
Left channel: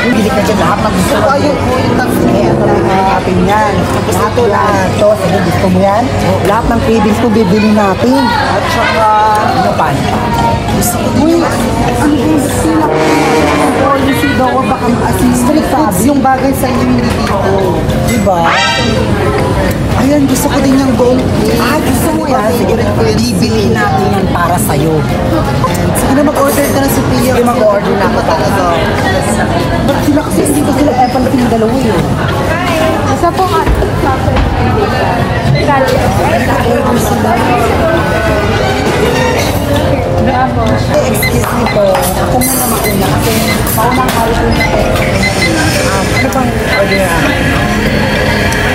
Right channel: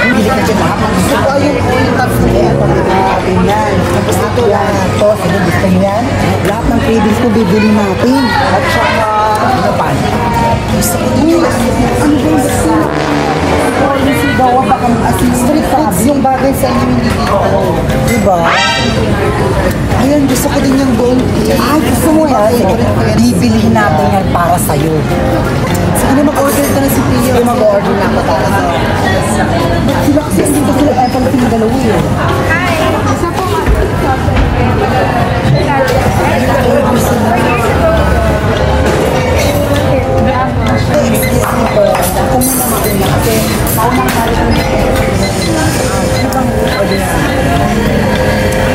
Bibili ka dyan lahat ng gusto. Ito ayun, yung tatlo. Eh, ito bibili natin yan. Tapos ito lahat. Ito, sige, gusto mo yan? Lahat ng cravings ko bibili natin. At saka, ano pa? Gusto ko din yung ano ba yung gusto na? Yung sigawa baka street foods, yung bagay sa inyo hindi dito. Diba? Ayan, gusto ko din yung gold cake. Ay, gusto mo yan? Bibili natin yan para sa'yo. So, ano, mag-order ka na si Pio? Hindi, mag-order na ako para sa... Ba't sila kasi hindi ba sila palating dalawa yun? Isa po nga. Excuse me po, ako muna mauna kasi maunang marunong na kayo. Ano bang order na?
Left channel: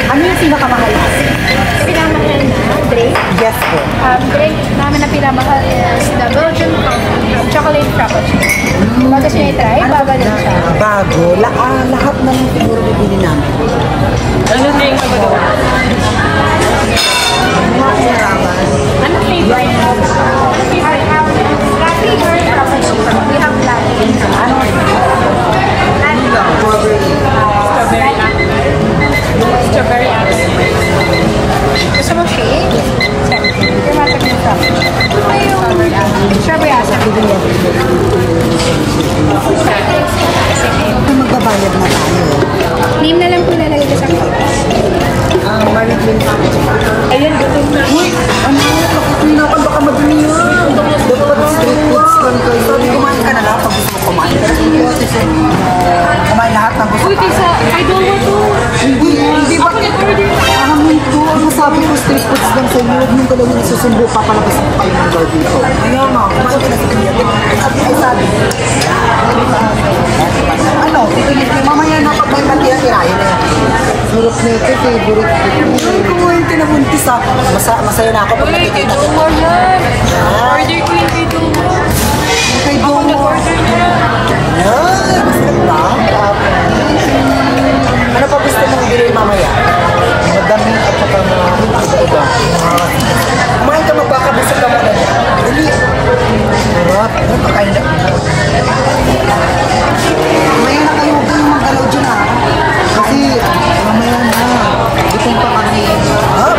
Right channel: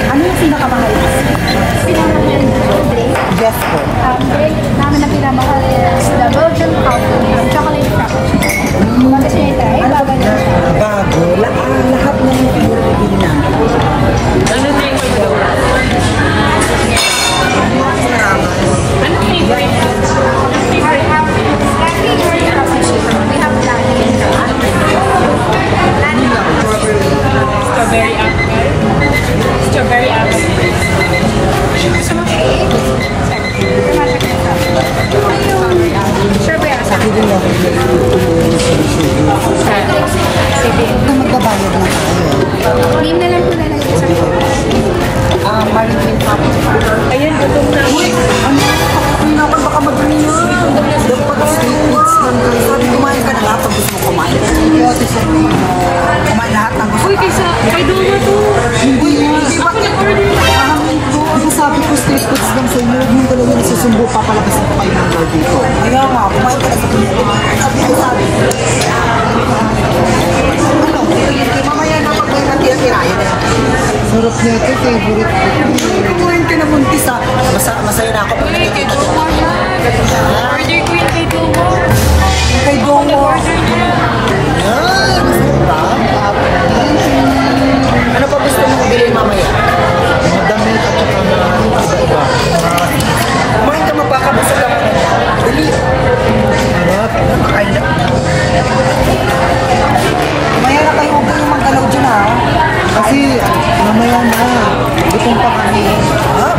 Ano yung pinakamahal? Pinamahal na drink. Yes po. Drink namin na pinamahal is the Belgian coffee, chocolate frappuccino. Bago siya i-try, Ano ba bago na? Bago. Lahat ng siguro bibili namin. Ano drink ko ito? Ano favorite? Strawberry apple. Strawberry apple. Gusto mo cake? Strawberry apple. Magbabayad na tayo. Name na lang po nalagay ko sa Marilyn. Ayun, gutom na. Uy, ano? Kapapinapan baka madumi yan. Dapat street foods lang kayo. Sabi, kumain ka na lahat pag gusto mo kumain. Pero hindi ako kumain lahat ng gusto Uy, kaysa, may Dowa to. Hindi ba? Ahamin ko, ano sabi ko, street foods lang sa inyo. Huwag niyong gano'n yung nagsusundo, papalabas ko kayo ng guard dito. Kaya nga, kumain ka na sa kanya. Sabi. Ano? Mamaya na pag may matira-tirayan na. Surap na ito, favorite food. Kumain ka na buntis ah. Masaya na ako pag nakikita ko. Order ko yung kay Dowa. Kay Ako na Dowa. order niya. Yan! Ano pa gusto mong bilhin mamaya? Mga damit at saka mga iba-iba. Kumain ka, magbakabusog ka naman. Dali. Harap. Makain na. Mamaya na kayo huwag kayong mag-alaw dyan ha. Kasi mamaya na. Gutom pa kami. Harap.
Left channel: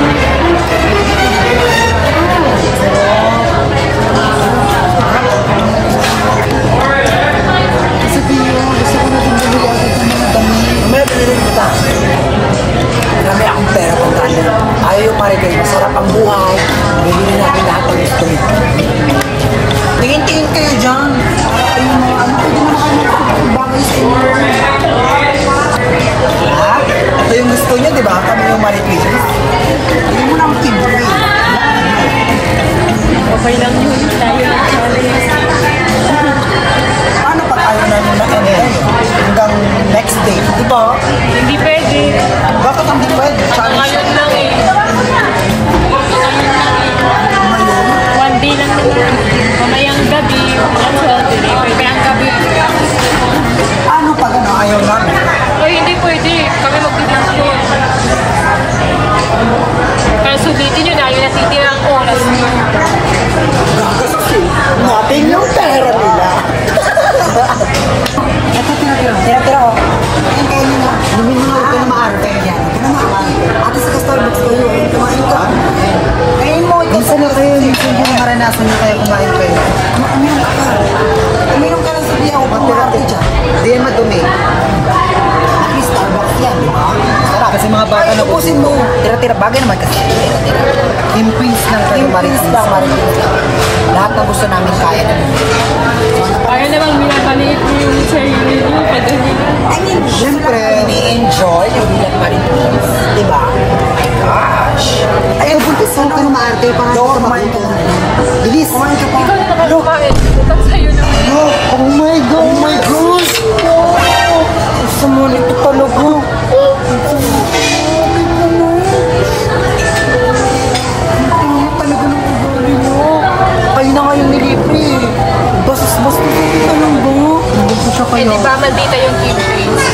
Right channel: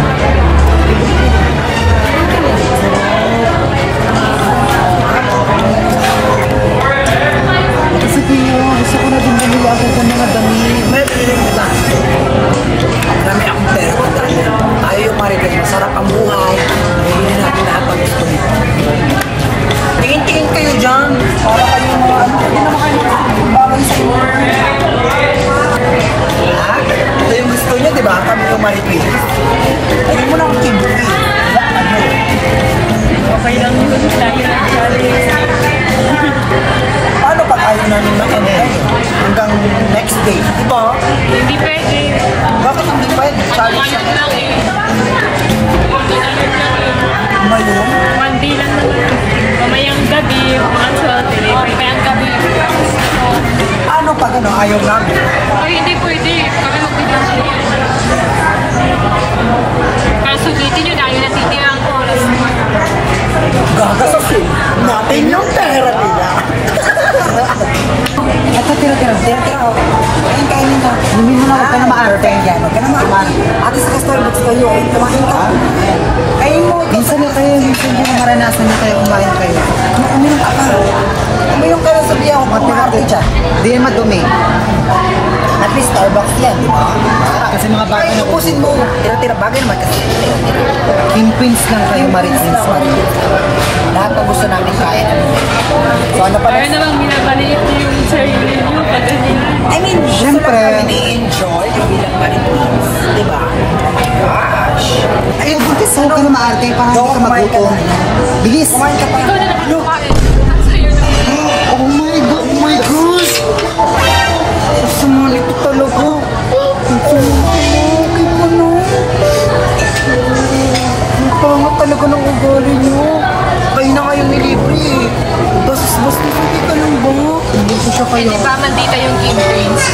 Kasi gusto ko na din bumili sa mga damit. Mamaya bilhin kita. Marami akong pera kung dahil ayaw yung Maribel, masarap ang buhay. namin yung Marites. Ayaw mo lang tibuhin. Okay lang yun. Paano pag ayaw namin hanggang next day? Diba? Hindi pwede. Bakit hindi pwede? Sabi siya. Ngayon? One day lang naman. Mamayang gabi. Mamayang gabi. Ano pag ayaw namin? Ay, hindi pwede. Kami magpinanay. Kaya sulitin nyo dahil natitira ang oras nyo. Natin yung pera nila. Ito, tira-tira oh. Kain mo. Lumin mo na, huwag ka na maaral. Huwag ka na maaral. Ate sa Starbucks kayo, kumain ka. Kain mo. Minsan na kayo, minsan yung maranasan na kayo kumain kayo. Uminom ka. Uminom ka na sa biya ko. Pagpirate dyan. Hindi naman dumi. At least Starbucks yan, di ba? Kasi mga bago na ubusin mo. Tira-tira, bagay naman kasi. Imprints lang kayo, Marites. Lahat na gusto namin kaya na. Parang namang minamaliit mo yung sarili nyo pag ganyan. I mean, siyempre, ni-enjoy yung bilang Marites. Diba? Gosh. Ay, buntis mo kayo maarte para hindi ka magutom. Bilis. Ikaw na nakakain. Sa'yo na. Oh my God. Oh my gosh. Sumulit ito talaga. Napanga talaga ng ugali mo. Kayo na kayong nilibre. Bas-bas na ka lang ba? Hindi ko siya kayo. Hindi ba nandito yung Kim Prince?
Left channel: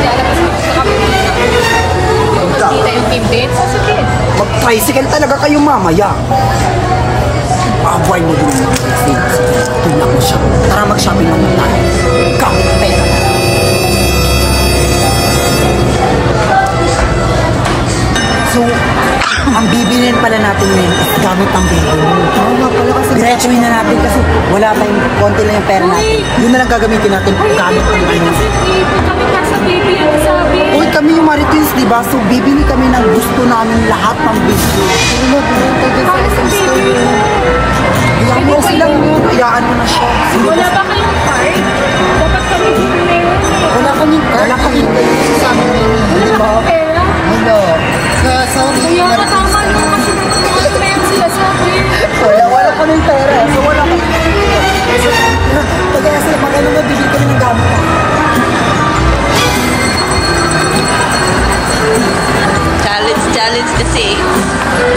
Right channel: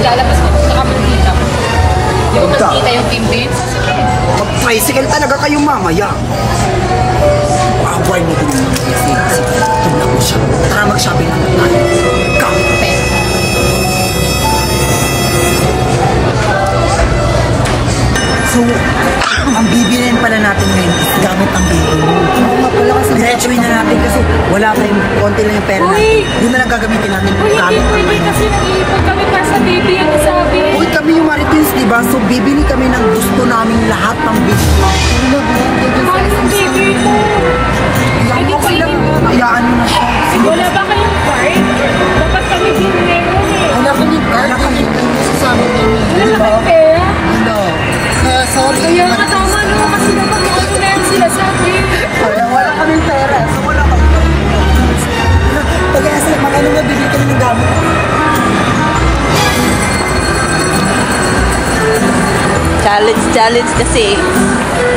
Ilalabas mo sa kapulita. Hindi ko nandito yung Kim Prince. Sige. Mag-tricycle talaga kayo mamaya. Abay mo dun yung mga friends. Tumla ko siya. Tara mag-shopping naman tayo. Kape. So, ang bibilin pala natin ngayon is gamit ang baby mo. Oo nga pala kasi diretsuin na natin kasi wala tayong konti lang yung pera natin. Yun na lang gagamitin natin. Ay, hindi pwede kasi ipag kami nasa baby ang sabi. Uy, kami yung Marites, diba? So, bibili kami ng gusto namin lahat ng business. Paano yung baby? Pwede ko Silang, iyaan mo na siya. Wala ba kayong card? Dapat kami bibili na yun. Wala kaming card. Wala kaming card. Sasabi mo. Wala kayong pera? Wala. Kaya nga tama nyo kasi dapat ito na yung sinasabi. Wala kaming pera. So, wala kaming pera. Kaya sila, magano nga bibili kami ng gamit. Challenge kasi.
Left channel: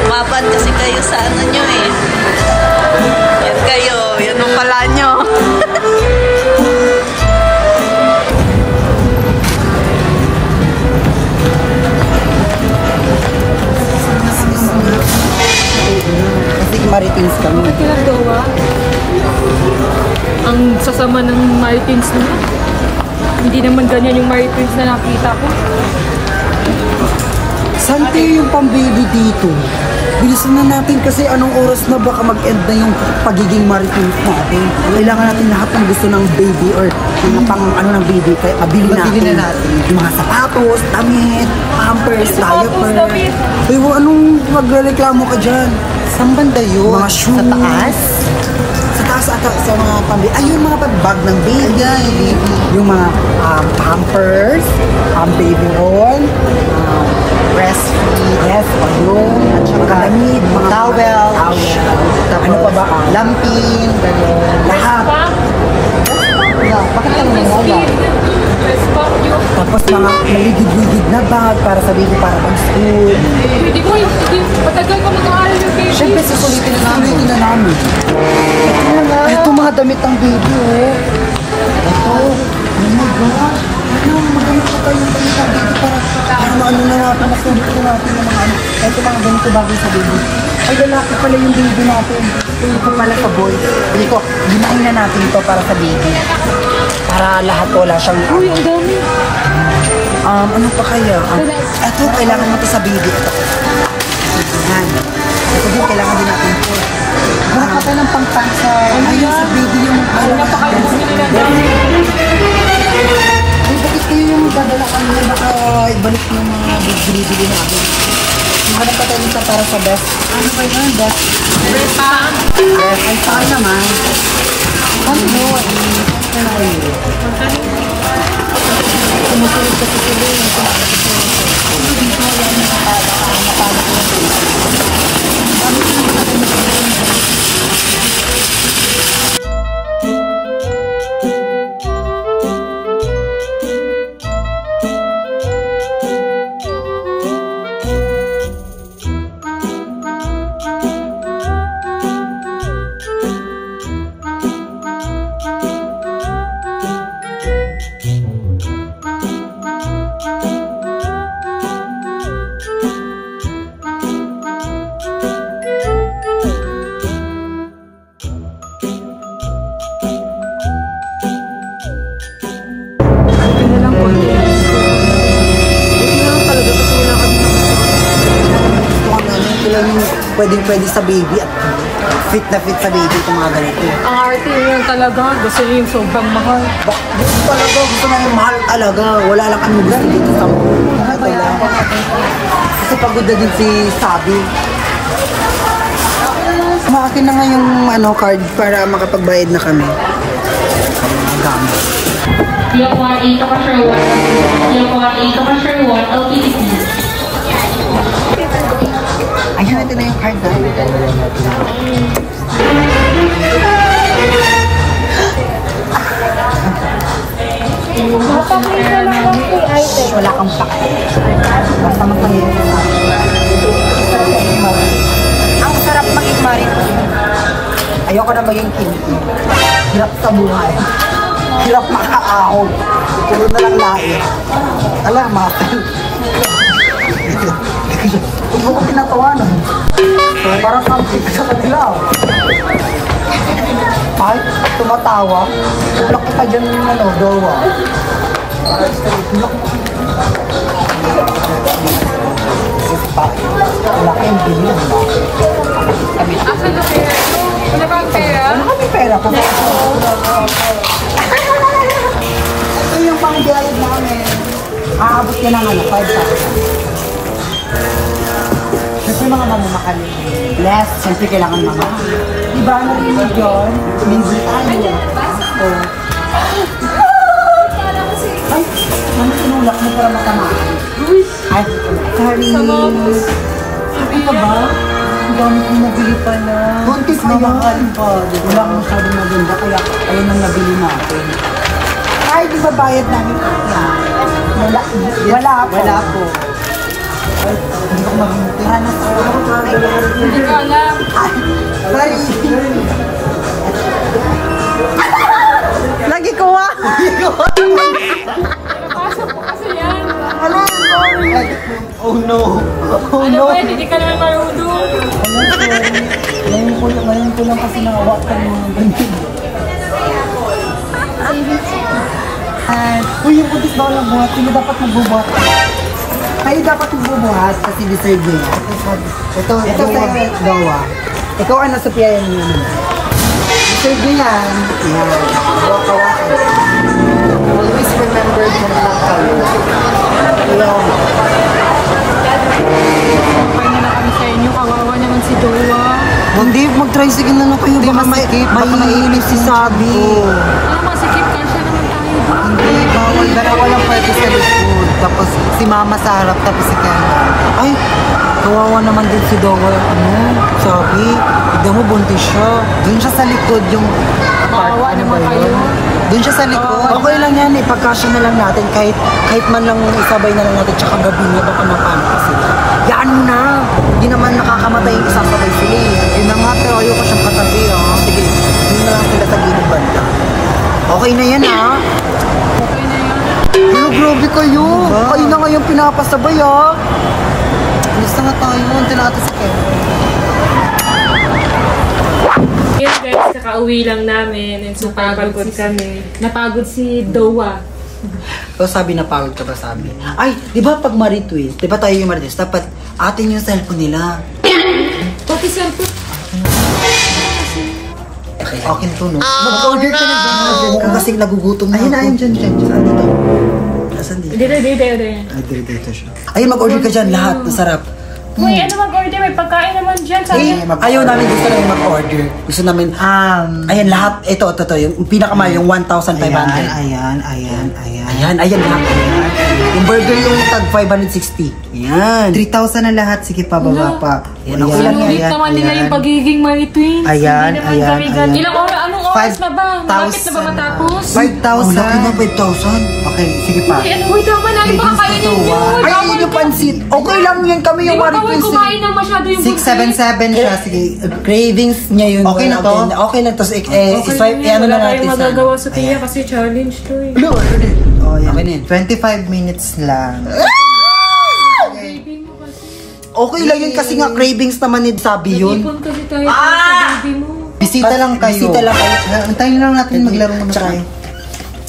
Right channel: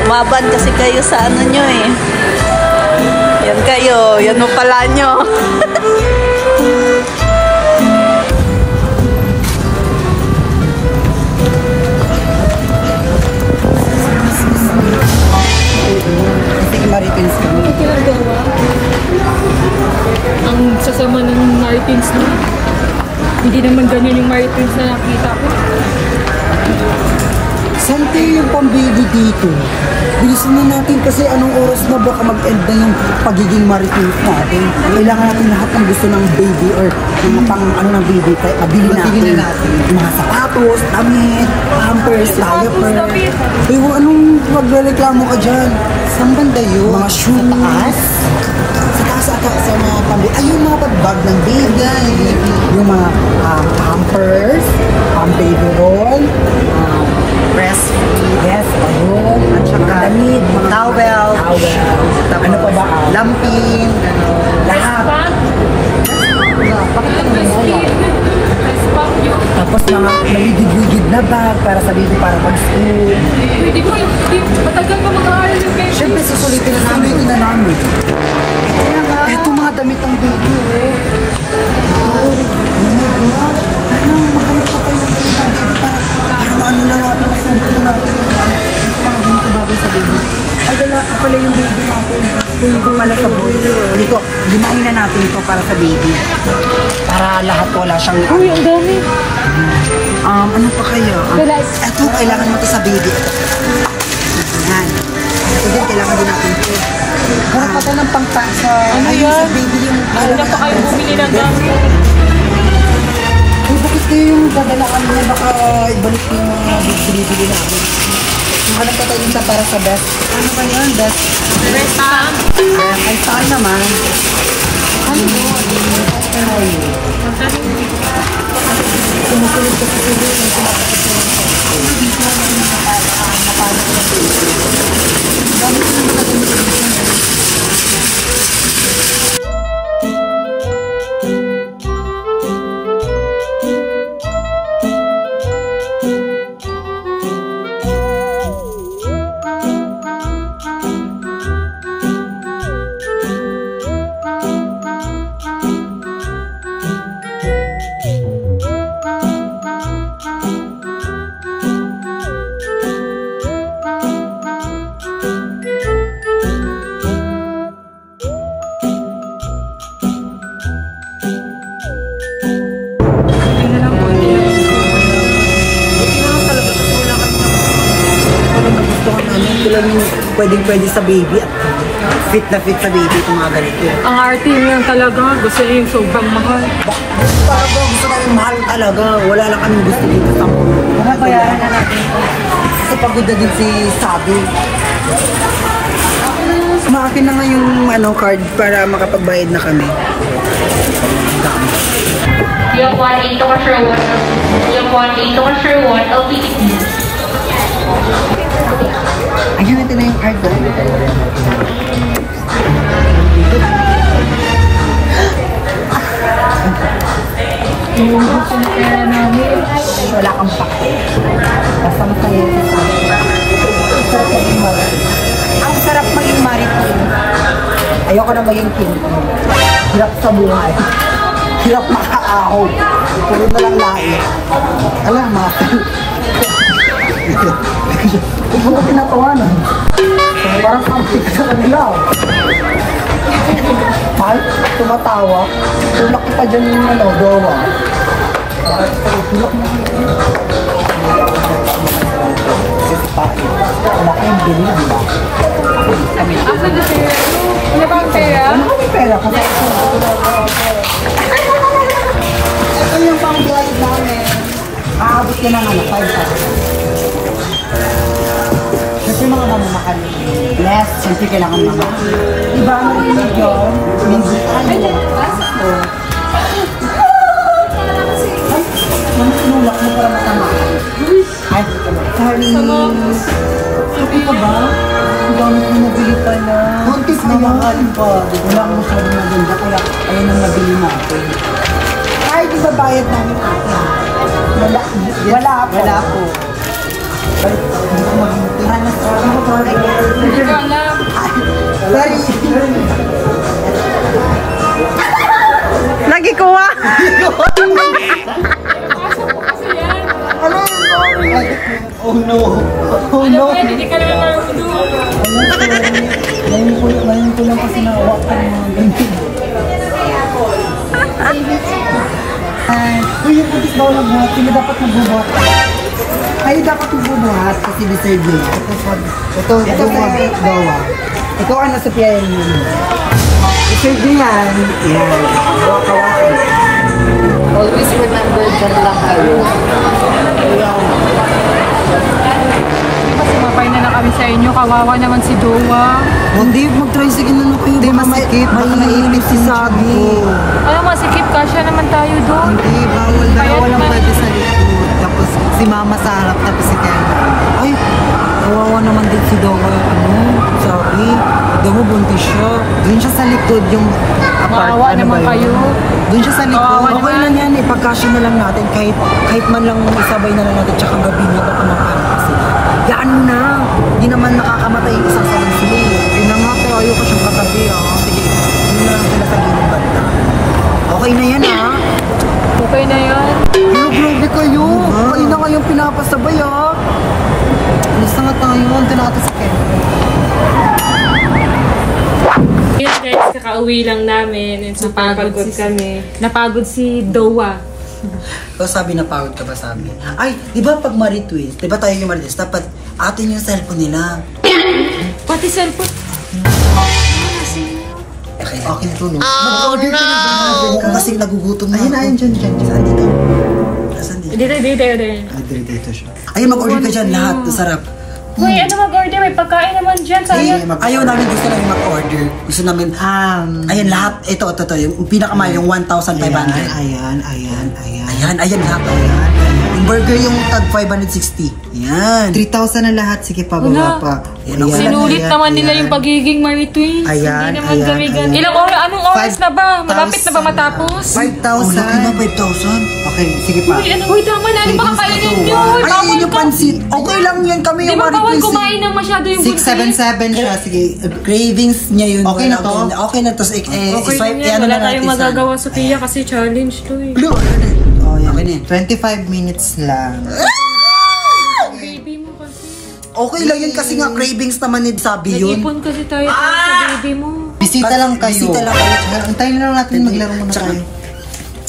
Maban kasi kayo sa ano nyo eh. Yan kayo. Yan mo pala nyo. Sige, Marites kami. Bakit ginagawa? Ang sasama ng Martins na. Hindi naman ganyan yung Martins na nakita ko. Sante yung pang-baby dito. Bilisan na natin kasi anong oras na baka mag-end na yung pagiging Marites natin. Kailangan natin lahat ng gusto ng baby or mga pang ano ng baby. Kaya mabili natin. Yung mga sapatos, damit, pampers, diaper. Eh, anong magreklamo ka dyan? Saan banda yun? Mga shoes. Sa taas? Sa taas ata sa mga pambaby. Ay, yung mga bag ng baby. Yung mga pampers, baby roll, breastfeed, yes, ayun, mga damit, mga towel, ano pa ba, lampin, lahat. Bakit ka naman tapos mga maligid-ligid na bag para sa baby para mag-school. Hindi ko, matagal ka mag-aaral yung baby. Siyempre, susulitin na namin. Ito mga damit ang baby. Oh my gosh. Maghanap pa tayo ng damit ang baby para maano na natin, makulit natin ng mga ano. Ito mga ganito bagay sa baby. Ay, lalaki pala yung baby natin. Yung pala sa boy. Dito, limain na natin ito para sa baby. Para lahat wala siyang... Uy, ang dami. Ano pa kaya? Ito, kailangan natin sa baby. Ito. Yan. Ito din, kailangan din natin ito. Harap pa tayo ng pang-pants sa... Ano ayun, yan? sa baby yung... Ano na pa kayo bumili ng dami? Uy, bakit kayo yung dadala kami na baka ibalik yung mga bibili namin? Hanap pa tayo sa para sa best. Ano ba yun? Best? Best time? Ay, saan naman? Ano mo? Sumusunod kasi sila yung kumakasunod. Dami ko naman natin pwede sa baby at fit na fit sa baby itong mga ganito. Ang arte yun talaga. Gusto yun sobrang mahal. Gusto na yung mahal talaga. Wala lang kami gusto dito sa mga. Mabayaran na natin ito. Kasi pagod na din si Sabi. Akin na nga yung card para makapagbayad na kami. Block 1 Control 1. LPC. Ayun natin na yung card na. Yung gusto na pera namin. Wala kang pake. Basta magpaliit yung pake. Sarap maging marit. Ang sarap maging marit. Ayoko na maging kinti. Hirap sa buhay. Hirap makaahog. Puro na lang lain. Alam, matal. Huwag mo ko pinatawanan. Parang pang-fit sa kanila. Kahit tumatawa, tulak ka pa dyan yung dowa. Tulak mo ka. Wala kayong bilhin ba? Asan na pera nyo? Wala ba ang pera? Wala kami pera kasi ito yung pang-bayad namin. Aabot ka ng 5,000. Kasi mga mamamahal. Less, siyempre kailangan mamahal. Diba narinig yun? Minsan tayo. Ay, nang sinulak mo para matamaan. Ay, sorry. Sabi ka ba? Ang dami kong nabili pala. Kontis na mahal pa. Wala akong masyadong maganda, kaya ayun ang nabili natin. Ay, di ba bayad namin ate? Wala po. Wala po. Ay, hindi ko maghintay. Hindi ko alam. Sorry. Nagikuha! Napasok ko kasi yan. Ano? Sorry. Oh no. Oh Ano no. ba yan? Hindi ka naman marunong. Ano, sorry. Ngayon ko lang kasi nakawakan ng mga ganyan. Uy, yung putis daw ng buhat. Sino dapat magbubuhat? Kayo dapat magbubuhat kasi deserve nyo. Ito dawa. Ikaw ano sa piyayan nyo? Deserve nyo yan. Yan. Kawakan. Always remember dyan lang kayo. Ayan. Okay na kami sa inyo. Kawawa naman si Dowa. Hindi, mag-tricycle na kayo. Hindi, masikip. Baka mainit si Sabi. Ano masikip ka? Siya naman tayo doon. Hindi, bawal. Dalawa lang pwede sa likod. Tapos si Mama sa harap, tapos si Ken. Ay, kawawa naman din si Dowa. Sabi, daw mo buntis siya. Doon siya sa likod yung apart. Ano ba yun? Doon siya sa likod. Okay lang yan, ipagkasya na lang natin. Kahit man lang isabay na lang natin. Tsaka gabi niya, baka mag-ano kasi. Yan mo na. Hindi naman nakakamatay yung isasabay sila eh. Hindi na nga, pero ayoko siyang katabi ah. Sige, hindi na lang sila sa gilid banda. Okay na yan ah. Okay na yun. Oh, grabe kayo. Kayo na ngayong pinapasabay ah. Alis na nga tayo. Hindi na natin sa Ken. Yun guys, kakauwi lang namin and super pagod kami. Napagod si Dowa. So sabi na pagod ka ba sabi? Ay, di ba pag ma-retweet, di ba tayo yung ma-retweet, dapat atin yung cellphone nila. Pati cellphone. Akin to, no? Mag-order ka na ba? Kasi nagugutom na ako. Ayun, dyan. Saan dito? Saan dito? Dito. Ay, dito siya. Ayun, mag-order ka dyan lahat. Masarap. Uy, ano mag-order? May pagkain naman dyan. Sayang. Ayaw namin, gusto namin mag-order. Gusto namin, ayan lahat, ito, yung pinakamahal, yung 1,500. Ayan lahat. Yung burger yung tag 560. Ayan. 3,000 na lahat, sige pa, baba pa. Sinulit naman nila yung pagiging my twins. Ayan, Hindi naman kami ganun. Ilang oras? Anong oras na ba? Malapit na ba matapos? 5,000. Ang laki na 5,000. Okay, sige pa. Uy, tama na. Yung makakainin nyo. Ay, yung pansit. Okay lang yan kami Di yung ba bawal kumain ng masyado yung buntis? 677 siya, sige. Cravings niya yun. Okay na to? Okay na to. Okay yan. Wala tayong magagawa sa Pia kasi challenge to eh. Oh, yan. 25 minutes lang. Okay lang yun kasi nga cravings naman ni Sabi yun. Nag-ipon kasi tayo sa baby mo. Bisita lang kayo. Antayin lang natin maglaro muna tayo.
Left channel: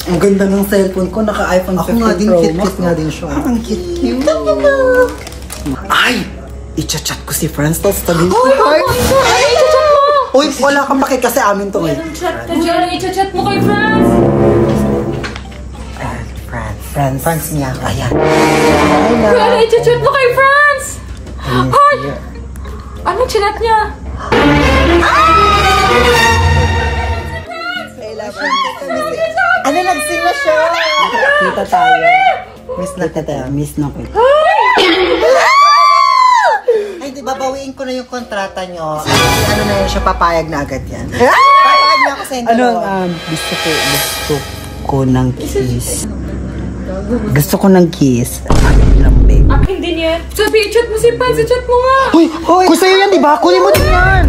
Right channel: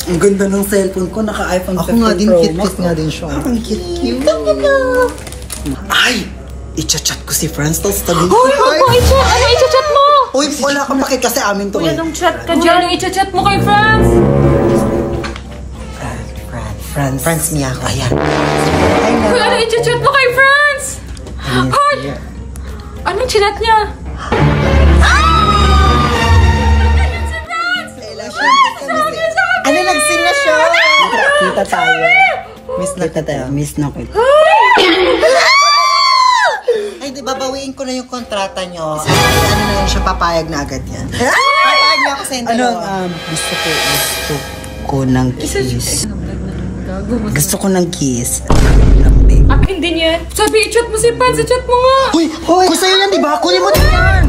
Ang ganda ng cellphone ko, naka-iPhone 15 Pro. Ako nga din, cute nga din siya. Ang cute. Ay! I-chat ko si Franz, tapos tabi ko. Ano i-chat mo? Uy, wala kang paki kasi amin to eh. Anong chat ka dyan? Anong i-chat mo kay Franz? Franz niya ako. Ayan. Uy, ano i-chat mo kay Franz? Hoy! Anong chinat niya? Ano, nag-sing na siya? Kita tayo. Miss na kita. Miss na kita. Ay, di babawiin ko na yung kontrata nyo. Ano na yan siya, papayag na agad yan. Papayag na ako sa inyo. Gusto ko ng kiss. Gusto ko ng kiss. Akin din yan. Sabi, i-chat mo si Franz. I-chat mo nga. Uy! Kung sa'yo yan, di ba? Kunin mo din yan.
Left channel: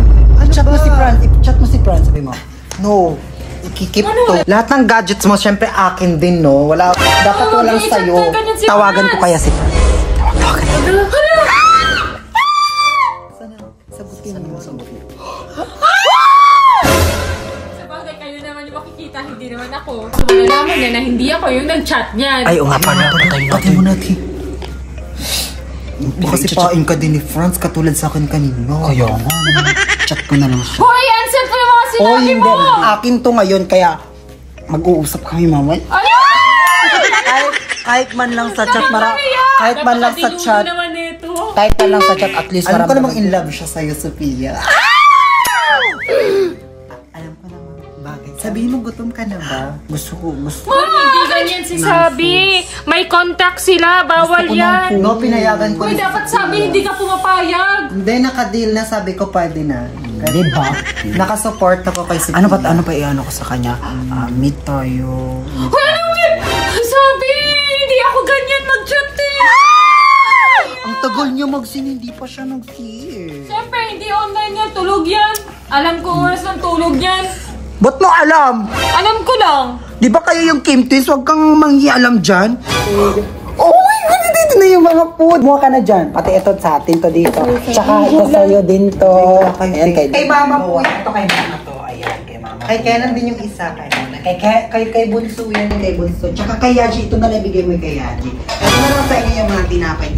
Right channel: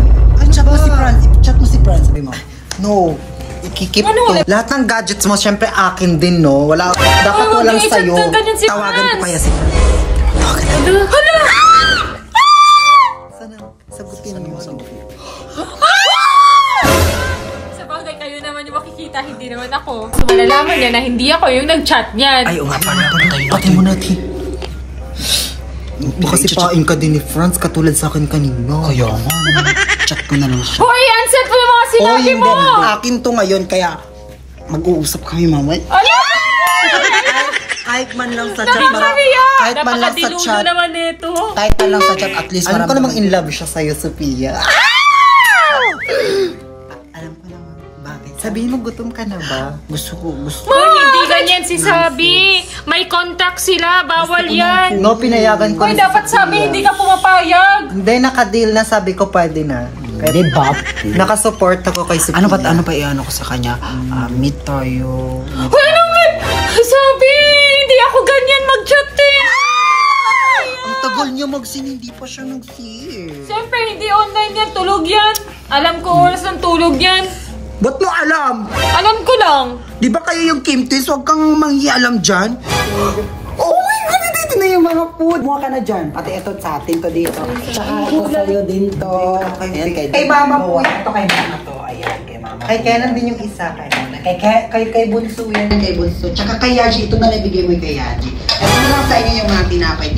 Chat mo si Franz. I-chat mo si Franz. Sabi mo. No. Ikikip to. Lahat ng gadgets mo, syempre akin din, no? Wala, dapat walang sa'yo. Tawagan ko kaya si Franz. Hala! Sagutin mo. Sabagay kayo naman yung makikita, hindi naman ako. So, malalaman niya na hindi ako yung nag-chat niyan. Ay, o nga pa pati mo natin. Kasi paing ka din ni Franz, katulad sa akin kanina. Kaya nga. Chat ko na lang siya. Hoy, answer ko yung mga sinabi mo! Akin to ngayon, kaya mag-uusap kami, mama. Kahit man lang sa chat, kahit man lang sa chat, kahit man lang sa chat, at least alam ko namang in love siya sa'yo, Sophia. Alam ko naman, bakit? Sabihin mo, gutom ka na ba? Gusto ko. Hindi ganyan si Sabi. May contact sila, bawal yan. No, pinayagan ko. Hoy, dapat Sabi, hindi ka pumapayag. Hindi, naka-deal na, sabi ko pwede na. Pwede ba? Nakasupport ako kay Sophia. Ano pa i-ano ko sa kanya? Meet tayo. Hoy, ano man? Sabi, hindi ako ganyan mag-chatting. Ang tagal niya mag-sin, hindi pa siya nag-see. Siyempre, hindi online yan. Tulog yan. Alam ko oras ng tulog yan. Ba't mo alam? Alam ko lang. Di ba kayo yung Kim Twins? Huwag kang manghialam dyan. Oh my God! Dito na yung mga food. Muha ka na dyan. Pati ito sa atin to dito. Tsaka ito sa'yo din to. Ayan, kay mama po. Ito kay mama to. Ayan, kay mama. Kay Kenan din yung isa. Kay Bunso yan. Kay Bunso. Tsaka kay Yaji. Ito na lang bigay mo kay Yaji. Ito na lang sa inyo yung mga tinapay.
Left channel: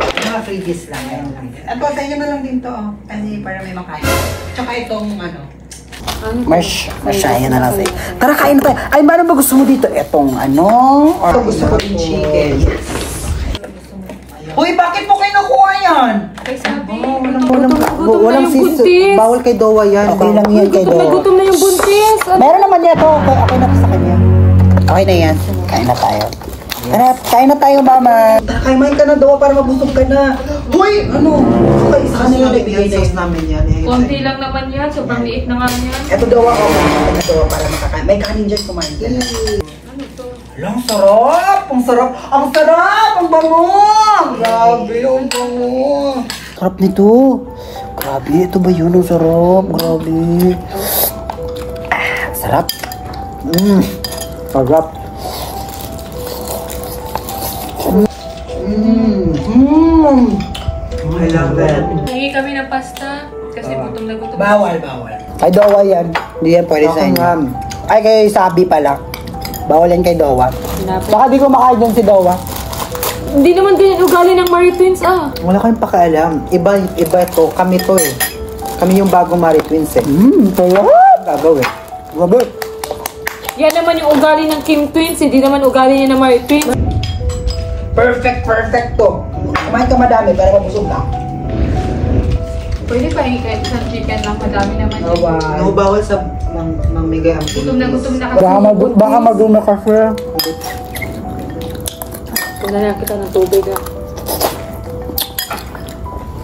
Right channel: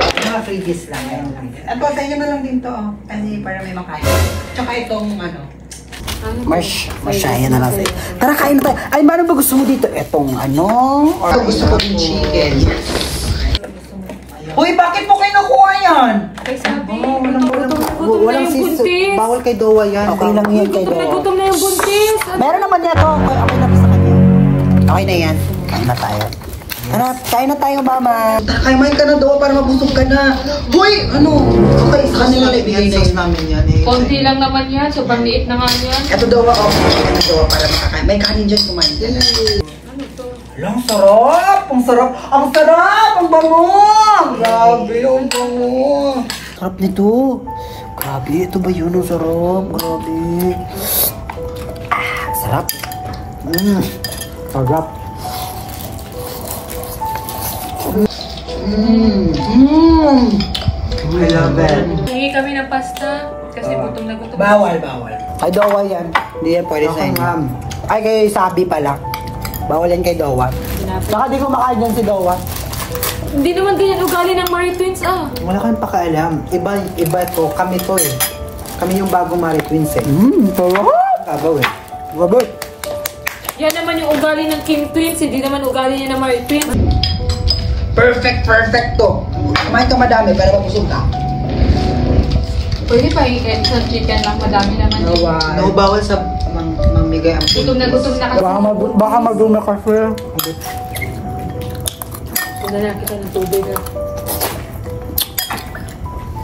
Mga freebies lang. Ayan lang. Ito sa inyo na lang din to. Kasi para may makain. Tsaka itong Marsha, yan na lang sa'yo. Tara, kain na tayo. Ay, ano ba gusto mo dito? Etong Or gusto ko yung chicken. Uy, bakit mo kayo nakuha yan? Kay Sabi. Walang siso. Bawal kay Dowa yan. Okay lang yan kay Dowa. Gutom na yung buntis. Meron naman yan to. Okay na sa kanya. Okay na yan. Kain na tayo. Kain na tayo, mama. Kaimain ka na, Dowa, para mabusog ka na. Hoy, okay, sa kanila ibigay na yun namin yan. Konti lang naman yan. Sobrang liit na nga yan. Ito, Dowa, ka na, Dowa, para makakain. May kanin dyan, kumain ka na. Ang sarap! Ang sarap! Ang sarap! Ang bango! Grabe, ang bango! Sarap nito. Grabe, ito ba yun? Ang sarap. Grabe. Sarap. Sarap. I love it. Hingi kami ng pasta. Kasi gutom na gutom. Bawal. Kay Dowa yan. Hindi yan pwede sa inyo. Ay, kay Sabi pala. Bawal yan kay Dowa. Saka di ko makain dyan si Dowa. Hindi naman din ugali ng Marie Twins, Wala kayong pakialam. Iba to. Kami to eh. Kami yung bagong Marie Twins eh. Sarap! Gagawin. Grabe. Yan naman yung ugali ng Kim Twins. Hindi naman ugali niya ng Marie Twins. Perfect to. Kumain ka madami para mabusog ka. Pwede pa isang chicken lang, madami naman. No, bawal sa mamigay ang Gutom na kasi. Baka madumi kasi. Pinanaya kita ng tubig ah.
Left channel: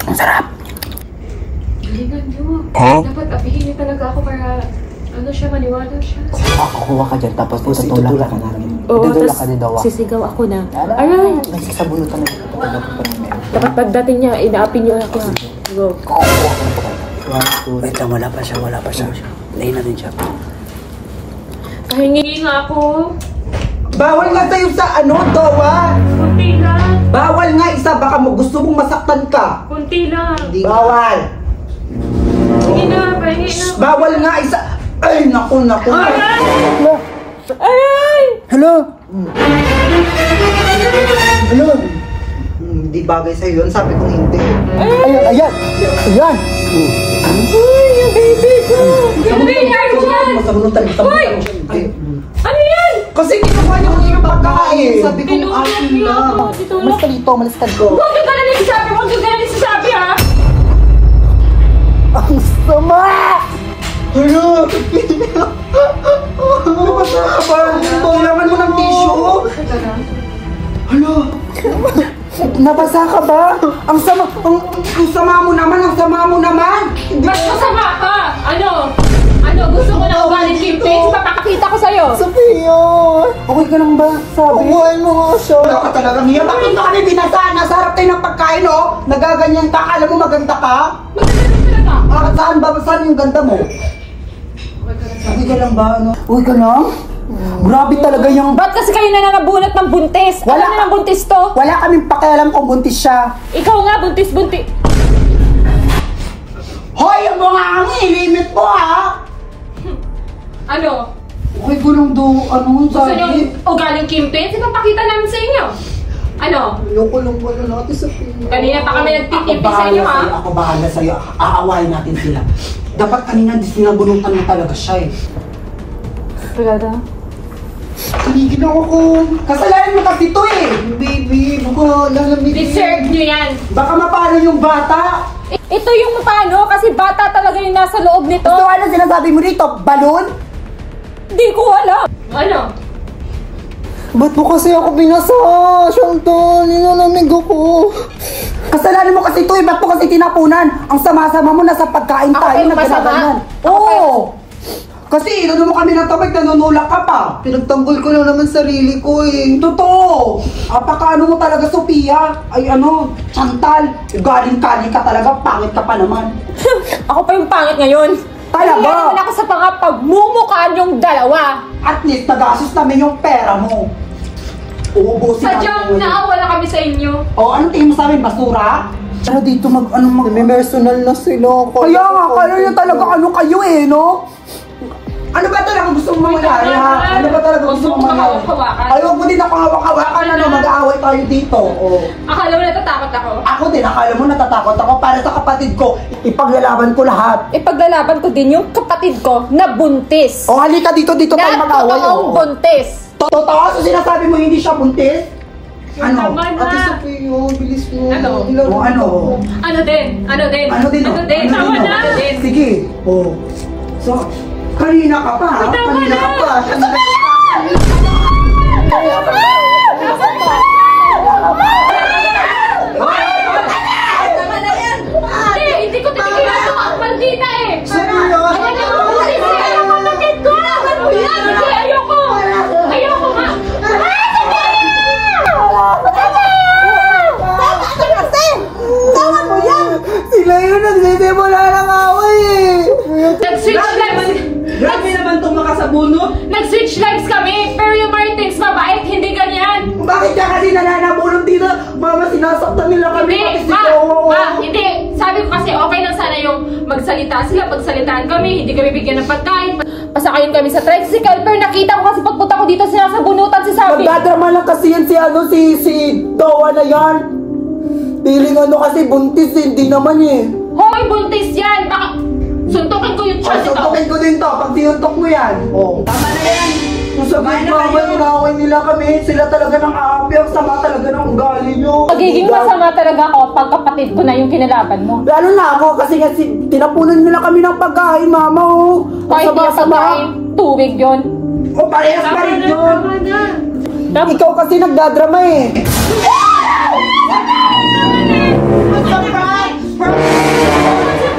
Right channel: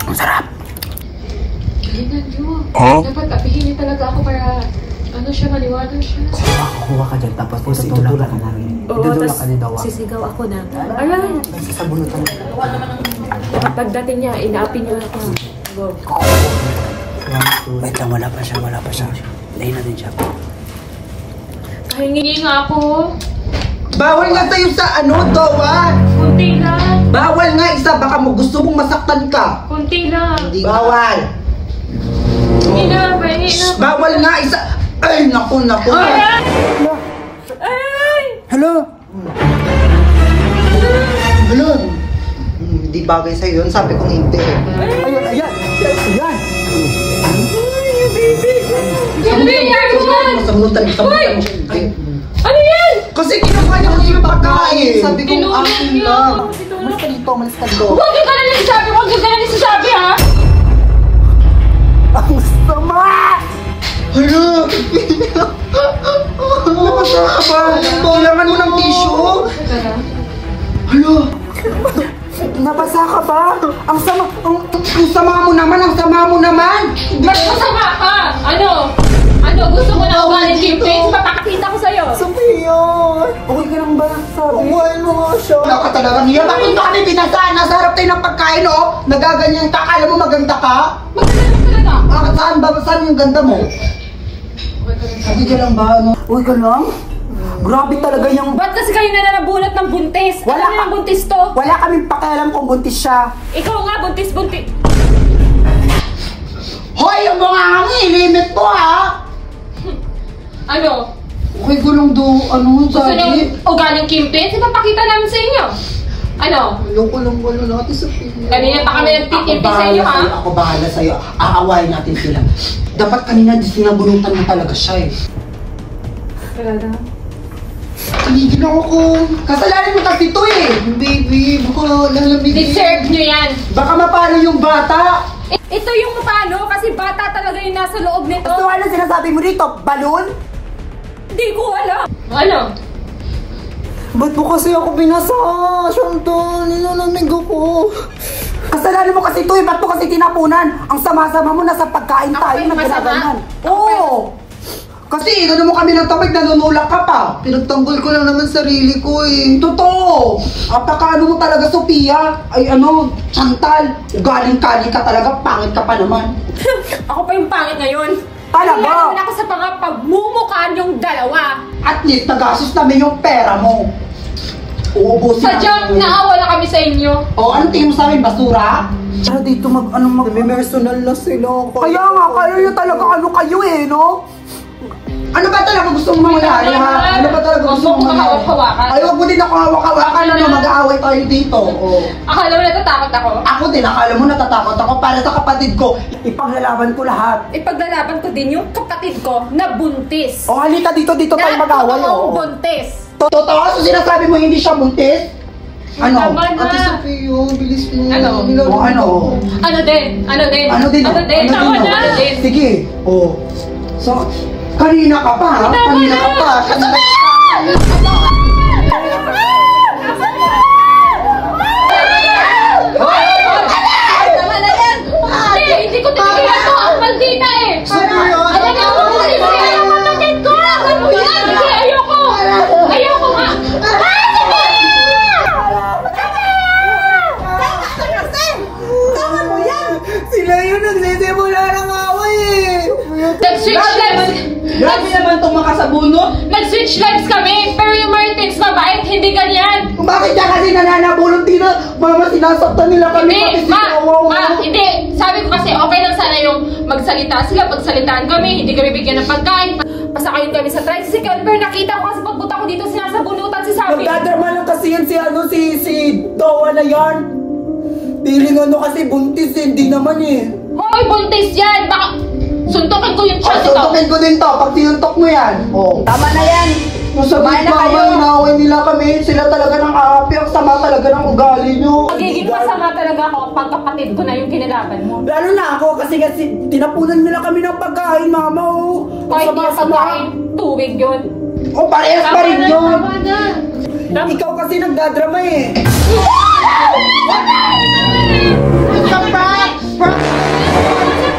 Ang sarap. Galingan nyo. Dapat apihin niyo talaga ako para ano siya, maniwala siya. Kuha ka dyan, tapos itutulak ka namin. Itutulak ka ni Dawa. Sisigaw ako na. Aray! Nagsasabunutan na. Dapat pagdating niya, inaapin niya ako. Go. Wait lang, wala pa siya. Lain natin siya. Kahingi nga ako. Bawal nga tayo sa ano, Dawa. Kunti lang. Bawal nga isa, baka mo gusto mong masaktan ka. Kunti lang. Bawal. Hingi na, pahingi na. Bawal nga isa. Ay, naku. Aray! Aray! Hello? Hello. Hindi bagay sa'yo yun, sabi kong hindi. Ayan! Ay, baby ko! Masabunutan mo siya, hindi. Ano yan? Kasi ginawa niya kasi yung pagkain. Sabi kong akin lang. Malis ka dito. Huwag yung ganun yung sasabi! Huwag yung ganun yung sasabi, ha? Ang sama! Hala, napasa ka ba? Kailangan mo ng tissue? Hala, Nabasa ka ba? Ang sama mo naman! Mas masama ka! Ano? Gusto mo na ugaling Kim-Pix? Papakita ko sa'yo! Sophia! Okay ka lang ba? Sabi? Uwain mo nga siya. wala ka talaga niya. Bakit mo kami binasaan? Nasa harap tayo ng pagkain, oh. Nagaganyan ka. Kala mo maganda ka? Saan ba? Saan yung ganda mo? Okay ka lang ba? Ano? Uy ka lang? Grabe talaga yung... Ba't kasi kayo na nabunot ng buntis? Wala Alam mo ang buntis to? Wala kaming pakialam kung buntis siya. Ikaw nga, buntis-buntis. Hoy, yung mga ilimit mo, ha? Ano? Uy, gulong do. Ano? Gusto nyo ugaling Kim-Pix? Ipapakita namin sa inyo. Ano? Gulong natin sa Kanina pa kami nagtitipi sa inyo, ha? Ako bahala sa'yo. Aawain natin sila. Dapat kanina sinabunutan mo talaga siya, eh. Talaga? Tinigil ako ko. Kasalanan mo kasi ito, eh. Baby, baka lalamig. Deserve nyo yan. Baka mapano yung bata. Ito yung paano kasi bata talaga yung nasa loob nito. So ano sinasabi mo dito? Balon? Hindi ko alam. Ano? Ba't mo kasi ako binasa? Shantan, nilalamig ako. Kasalanan mo kasi ito eh. Ba't mo kasi tinapunan? Ang sama-sama mo, nasa pagkain Ako tayo yung na masama? ginaganyan. Ako Oo! Kasi inano mo kami ng tamad, nanunulak ka pa. Pinagtanggol ko lang naman sarili ko, eh. Totoo. Apakaano mo talaga, Sophia? Ay ano, Chantal. Galing-kali ka talaga, pangit ka pa naman. Ako pa yung pangit ngayon. Talaga? Kaya naman ako sa mga pagmumukhaan yung dalawa. At least, nagastos namin yung pera mo. Uubusin Sadyang naawa na kami sa inyo. O, anong tingin mo sa amin, basura? Pero dito personal na sila. Kaya nga, kayo yung talaga kayo eh, no? Ano ba talaga gusto mong mangyari, ha? Ano ba talaga gusto mong mangyari? Hawak-hawakan. Ayaw ko din ako hawak-hawakan, ano, mag-aaway tayo dito. O. Akala mo natatakot ako? Ako din, akala mo natatakot ako para sa kapatid ko. Ipaglalaban ko lahat. Ipaglalaban ko din yung kapatid ko na buntis. O halika dito tayo Na mag-away. totoong buntis. Totoo, so sinasabi mo hindi siya buntis? Ano? Tama na. Ate Sophia, bilis mo. Ano? O, ano? Ano din? Ano din? Tama na. Sige. O. So, kanina ka pa, ha? Kanina ka pa. Hindi ko tigilan to. Ang maldita eh. Sophia! Ano na ako? Hindi ang kapatid ko. Hindi, ayoko. Ayoko nga. Sila yun, nagsisimula ng away eh. Nag-switch lives. Grabe naman itong makasabunot. Nag-switch lives kami. Pero yung Martins mabait, hindi ganyan. Bakit niya kasi nananabulong dito? Mama, sinasaktan nila kami. Hindi, hindi. Sabi ko kasi okay lang sana yung magsalita sila. Pagsalitaan kami, hindi kami bigyan ng pagkain. Pasakayin kami sa tricycle, pero nakita ko kasi pagpunta ko dito sinasabunutan si Sabi. Magkadrama lang kasi yan si Dawa na yan. Piling ano kasi buntis, hindi naman eh. Hoy, buntis yan. Baka suntukin ko yung chat ito. Suntukin ko din to, pag sinuntok mo yan. Oh. Tama na yan. Nasabi mama, inaway nila kami. Sila talaga ng aapi. Ang sama talaga ng ugali nyo. Magiging masama talaga ako pag kapatid ko na yung kinalaban mo. Lalo na ako kasi tinapunan nila kami ng pagkain, mama. Kahit yung pagkain, tubig yun. O parehas pa rin yun. Ikaw kasi nagdadrama eh. Basta prank!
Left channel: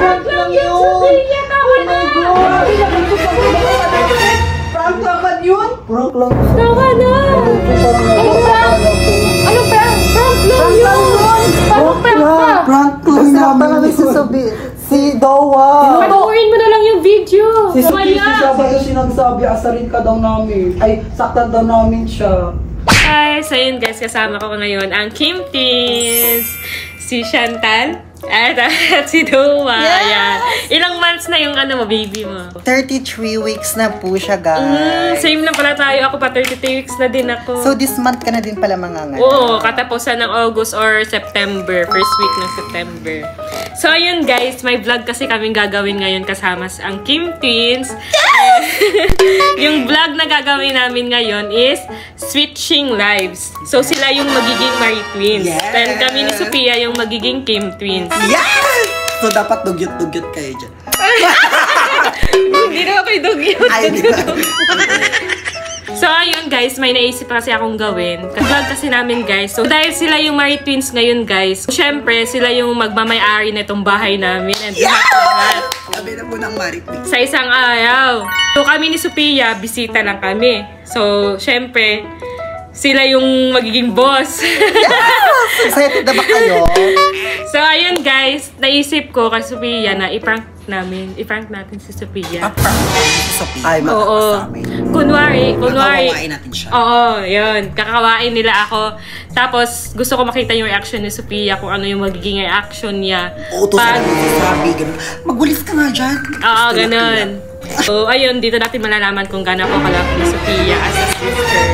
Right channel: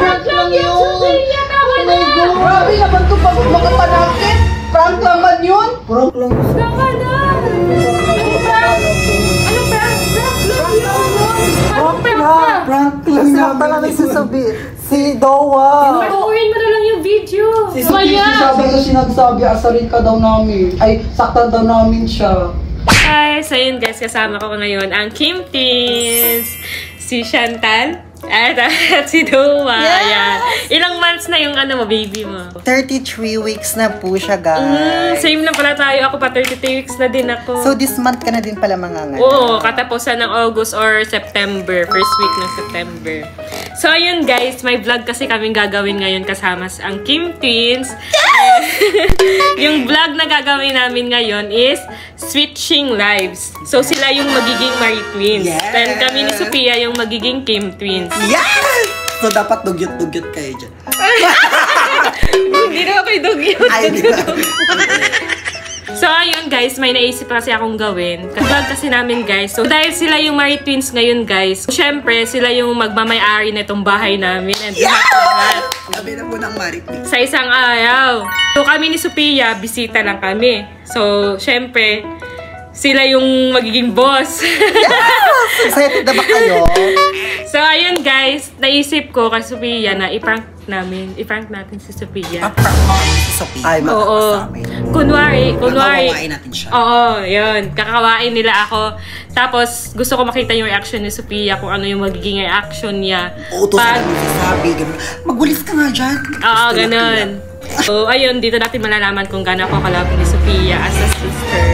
Prank lang yun! Oh my God! Hindi naman ito ba prank lang ba yun? Prank lang. Tama na! Anong prank? Anong prank? Prank lang yun! Parang prank ka! Prank lang namin si Dowa. Panuurin mo na lang yung video. Si sinasabi, asalin ka daw namin. Ay, saktan daw namin siya. Hi! So yun guys, kasama ko ngayon ang Kim Teens, si Chantal, at si Dowa. Ayan. Ilang months na yung baby mo? 33 weeks na po siya, guys. Same lang pala tayo. Ako pa 33 weeks na din ako. So this month ka na din pala manganganak? Oo, katapusan ng August or September. First week ng September. So ayun guys, may vlog kasi kaming gagawin ngayon kasama ang Kim Twins. Yung vlog na gagawin namin ngayon is Switching Lives. So sila yung magiging Marie Twins. Yes! Then kami ni Sophia yung magiging Kim Twins. Yes! So dapat dugyot-dugyot kayo dyan. Hindi na ako dugyot. Ay, di ba? So, ayun guys, may naisip kasi akong gawin. Vlog kasi namin guys. So, dahil sila yung Marie Twins ngayon guys, syempre, sila yung magmamay-ari na itong bahay namin. And lahat. Sabi na po ng Marie Twins. Sa isang araw. So, kami ni Sophia, bisita lang kami. So, syempre, sila yung magiging boss. Yes! Excited na ba kayo? So, ayun guys, naisip ko kay Sophia na i-prank natin si Sophia. Prank natin si Sophia. Ay, Oo. Kunwari. Kakawain natin siya. Oo, yun. Kakawain nila ako. Tapos, gusto ko makita yung reaction ni Sophia, kung ano yung magiging reaction niya. Uutosan namin si Sabi, ganun. Magwalis ka nga dyan. Oo, ganun. So, ayun, dito natin malalaman kung gano'n ako kalapit ni Sophia as a sister.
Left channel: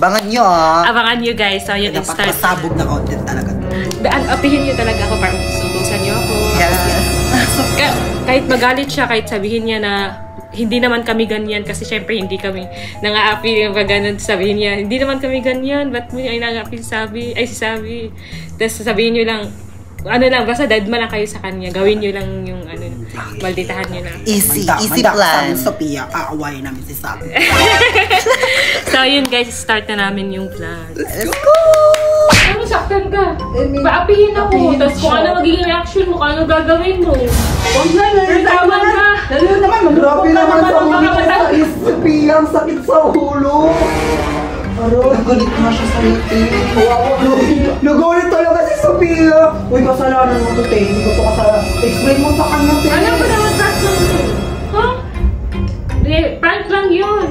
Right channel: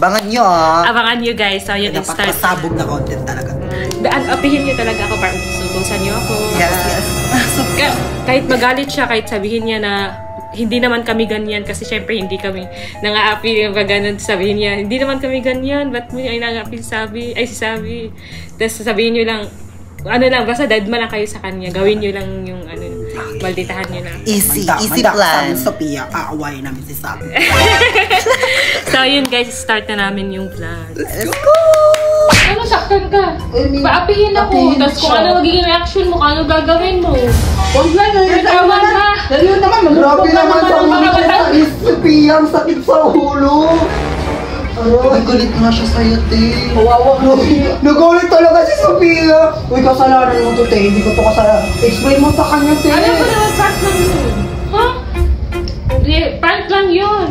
Abangan nyo, ah. Abangan nyo guys. So, yun, Dapat start. pasabog na content talaga. Apihin nyo talaga ako para sutusan nyo ako. Yes, yes. Kahit magalit siya, kahit sabihin niya na hindi naman kami ganyan kasi syempre hindi kami nang-aapi yung ganun, sabihin niya, hindi naman kami ganyan, ba't mo ay nang-aapi si Sabi? Tapos sabihin nyo lang, basta deadma lang kayo sa kanya, gawin nyo lang yung malditahan nyo lang. Easy plan. Sophia, aawayin namin si Sabi. So yun guys, start na namin yung vlog. Let's go! Ano, saktan ka? Paapihin ako, tapos kung ano magiging reaction mo, kung ano gagawin mo. Huwag na, Tama na! Dali naman, grabe naman sa ulo. Sophia, ang sakit sa ulo. Aray, galit nga siya sa'yo, te. Kawawa, nagalit talaga si Sophia. Uy, kasalanan mo to, te. Hindi ko to kasalanan. Explain mo sa kanya, te. Alam ko naman, prank lang yun. Ha? Prank lang yun.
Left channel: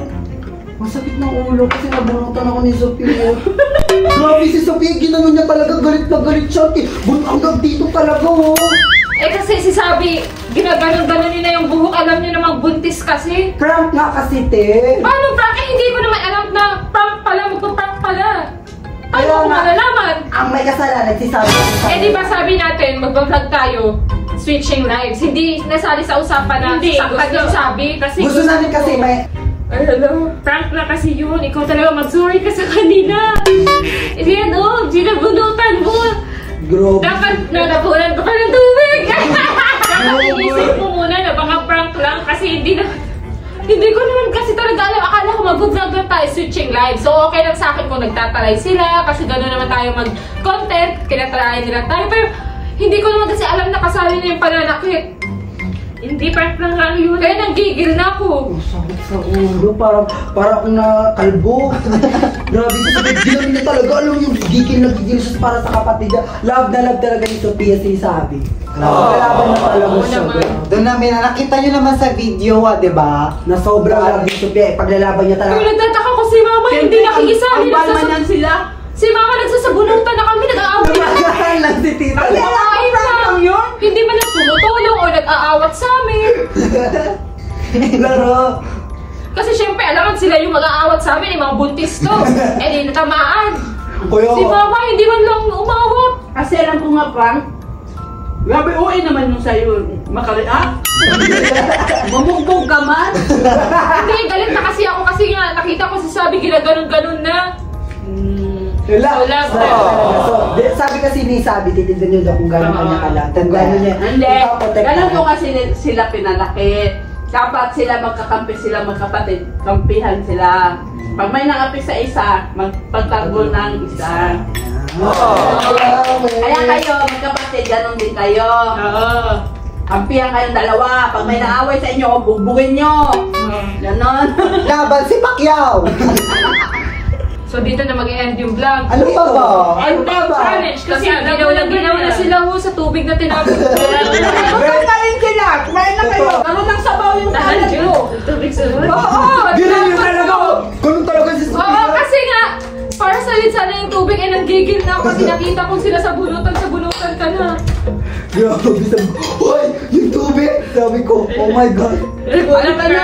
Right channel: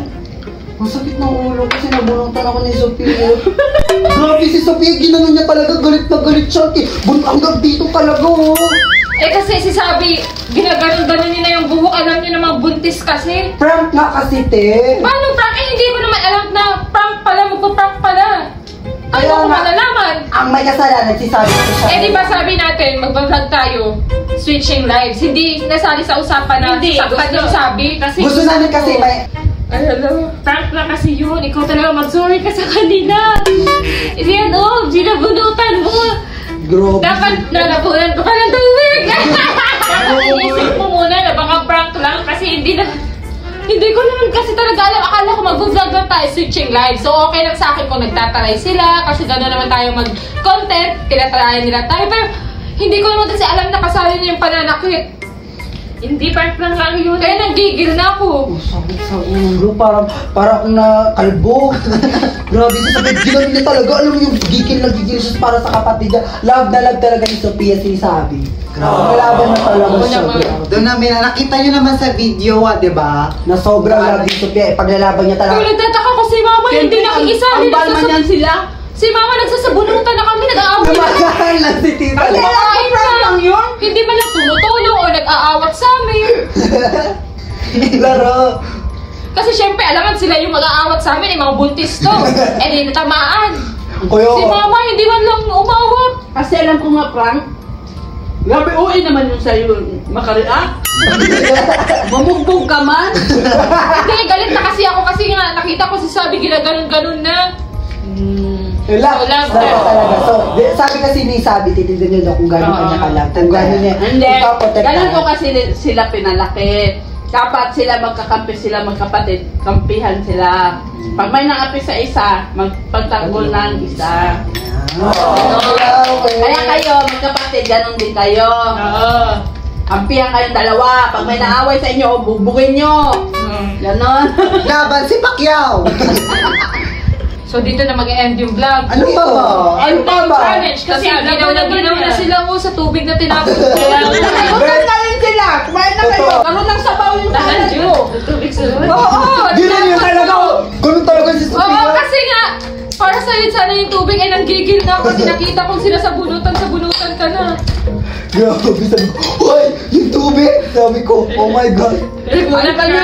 Masakit ng ulo kasi nabunutan ako ni Sophia. Grabe si Sophia, ginanon niya talaga. Galit na galit siya, te. Hanggang dito talaga, oh. Kasi si Sabi, ginaganon-ganon niya na yung buhok. Alam niyo namang buntis kasi. Prank nga kasi, te. Paano prank? Hindi ko naman alam na prank pala, magpa-prank pala. Ano ko malalaman? Ang may kasalanan si Sabi. Di ba sabi natin, magbablog tayo, switching lives. Hindi nasali sa usapan na saktan yung Sabi. Kasi Gusto namin kasi may... Ay, hello. Prank na kasi yun. Ikaw talaga mag-sorry ka sa kanila. Yan, ginabunutan mo. Grabe. Dapat nalapunan ko pa ng tubig. Dapat inisip mo muna na baka prank lang kasi hindi ko naman kasi talaga alam. Akala ko mag-vlog lang tayo, switching live. So okay lang sa akin kung nagtataray sila kasi gano'n naman tayo mag-content. Kinatarayan nila tayo. Pero hindi ko naman kasi alam na kasali niya yung pananakit. Hindi, prank lang yun. Kaya nanggigil na ako. Sakit sa ulo, parang na kalbo. Grabe, ginabi niya talaga. Alam mo yung gigil siya para sa kapatid niya. Love na love talaga ni Sophia si Sabi. Malaban na talaga siya. Doon namin, nakita nyo naman sa video, diba? Na sobrang love ni Sophia, paglalaban niya talaga. Pero nagtataka ko si Mama, hindi nakikisali. Ang balman yan sila. Si Mama nagsasabunutan na kami, nag-aaway na. Kumakain lang yun. Hindi man lang tumutulong o nag-aawat sa amin. Laro. Kasi syempre, alangan sila yung mag-aawat sa amin, mga buntis to. Di natamaan. Si Mama, hindi man lang umawat. Kasi alam ko nga prank. Grabe, uwi naman yung sa'yo. Makareact. Mamugbog ka man. Hindi, galit na kasi ako kasi nga nakita ko si Sabi ginaganon-ganon na. Wala. Wala. Sabi kasi ni Sabi, titignan niyo daw kung gano'n kanya kalam. Kung gano'n niya. Hindi. Ganun ko kasi sila pinalaki. Dapat sila magkakampi sila magkapatid. Kampihan sila. Pag may nangapi sa isa, magpagtanggol ng isa. Kaya kayo, magkapatid, ganun din kayo. Kampihan kayong dalawa. Pag may naaway sa inyo, bugbugin nyo. Ganon. Laban si Pacquiao. So dito na mag-end yung vlog. Ano pa ba? End time challenge kasi ginaw na sila sa tubig na tinapon. Bukan na rin sila. Kumain na kayo. Ganun lang sabaw yung Tahan tahan nyo. Tubig sa loob. Oo! Ganun yun talaga. Ganun talaga si Oo, Sophia. kasi nga, para sa'yo sana yung tubig ay nanggigil na ako kasi nakita kong sila sa bunutan ka na. Grabe, sabi ko, hoy, yung tubig. Sabi ko, oh my God. Ano ba na?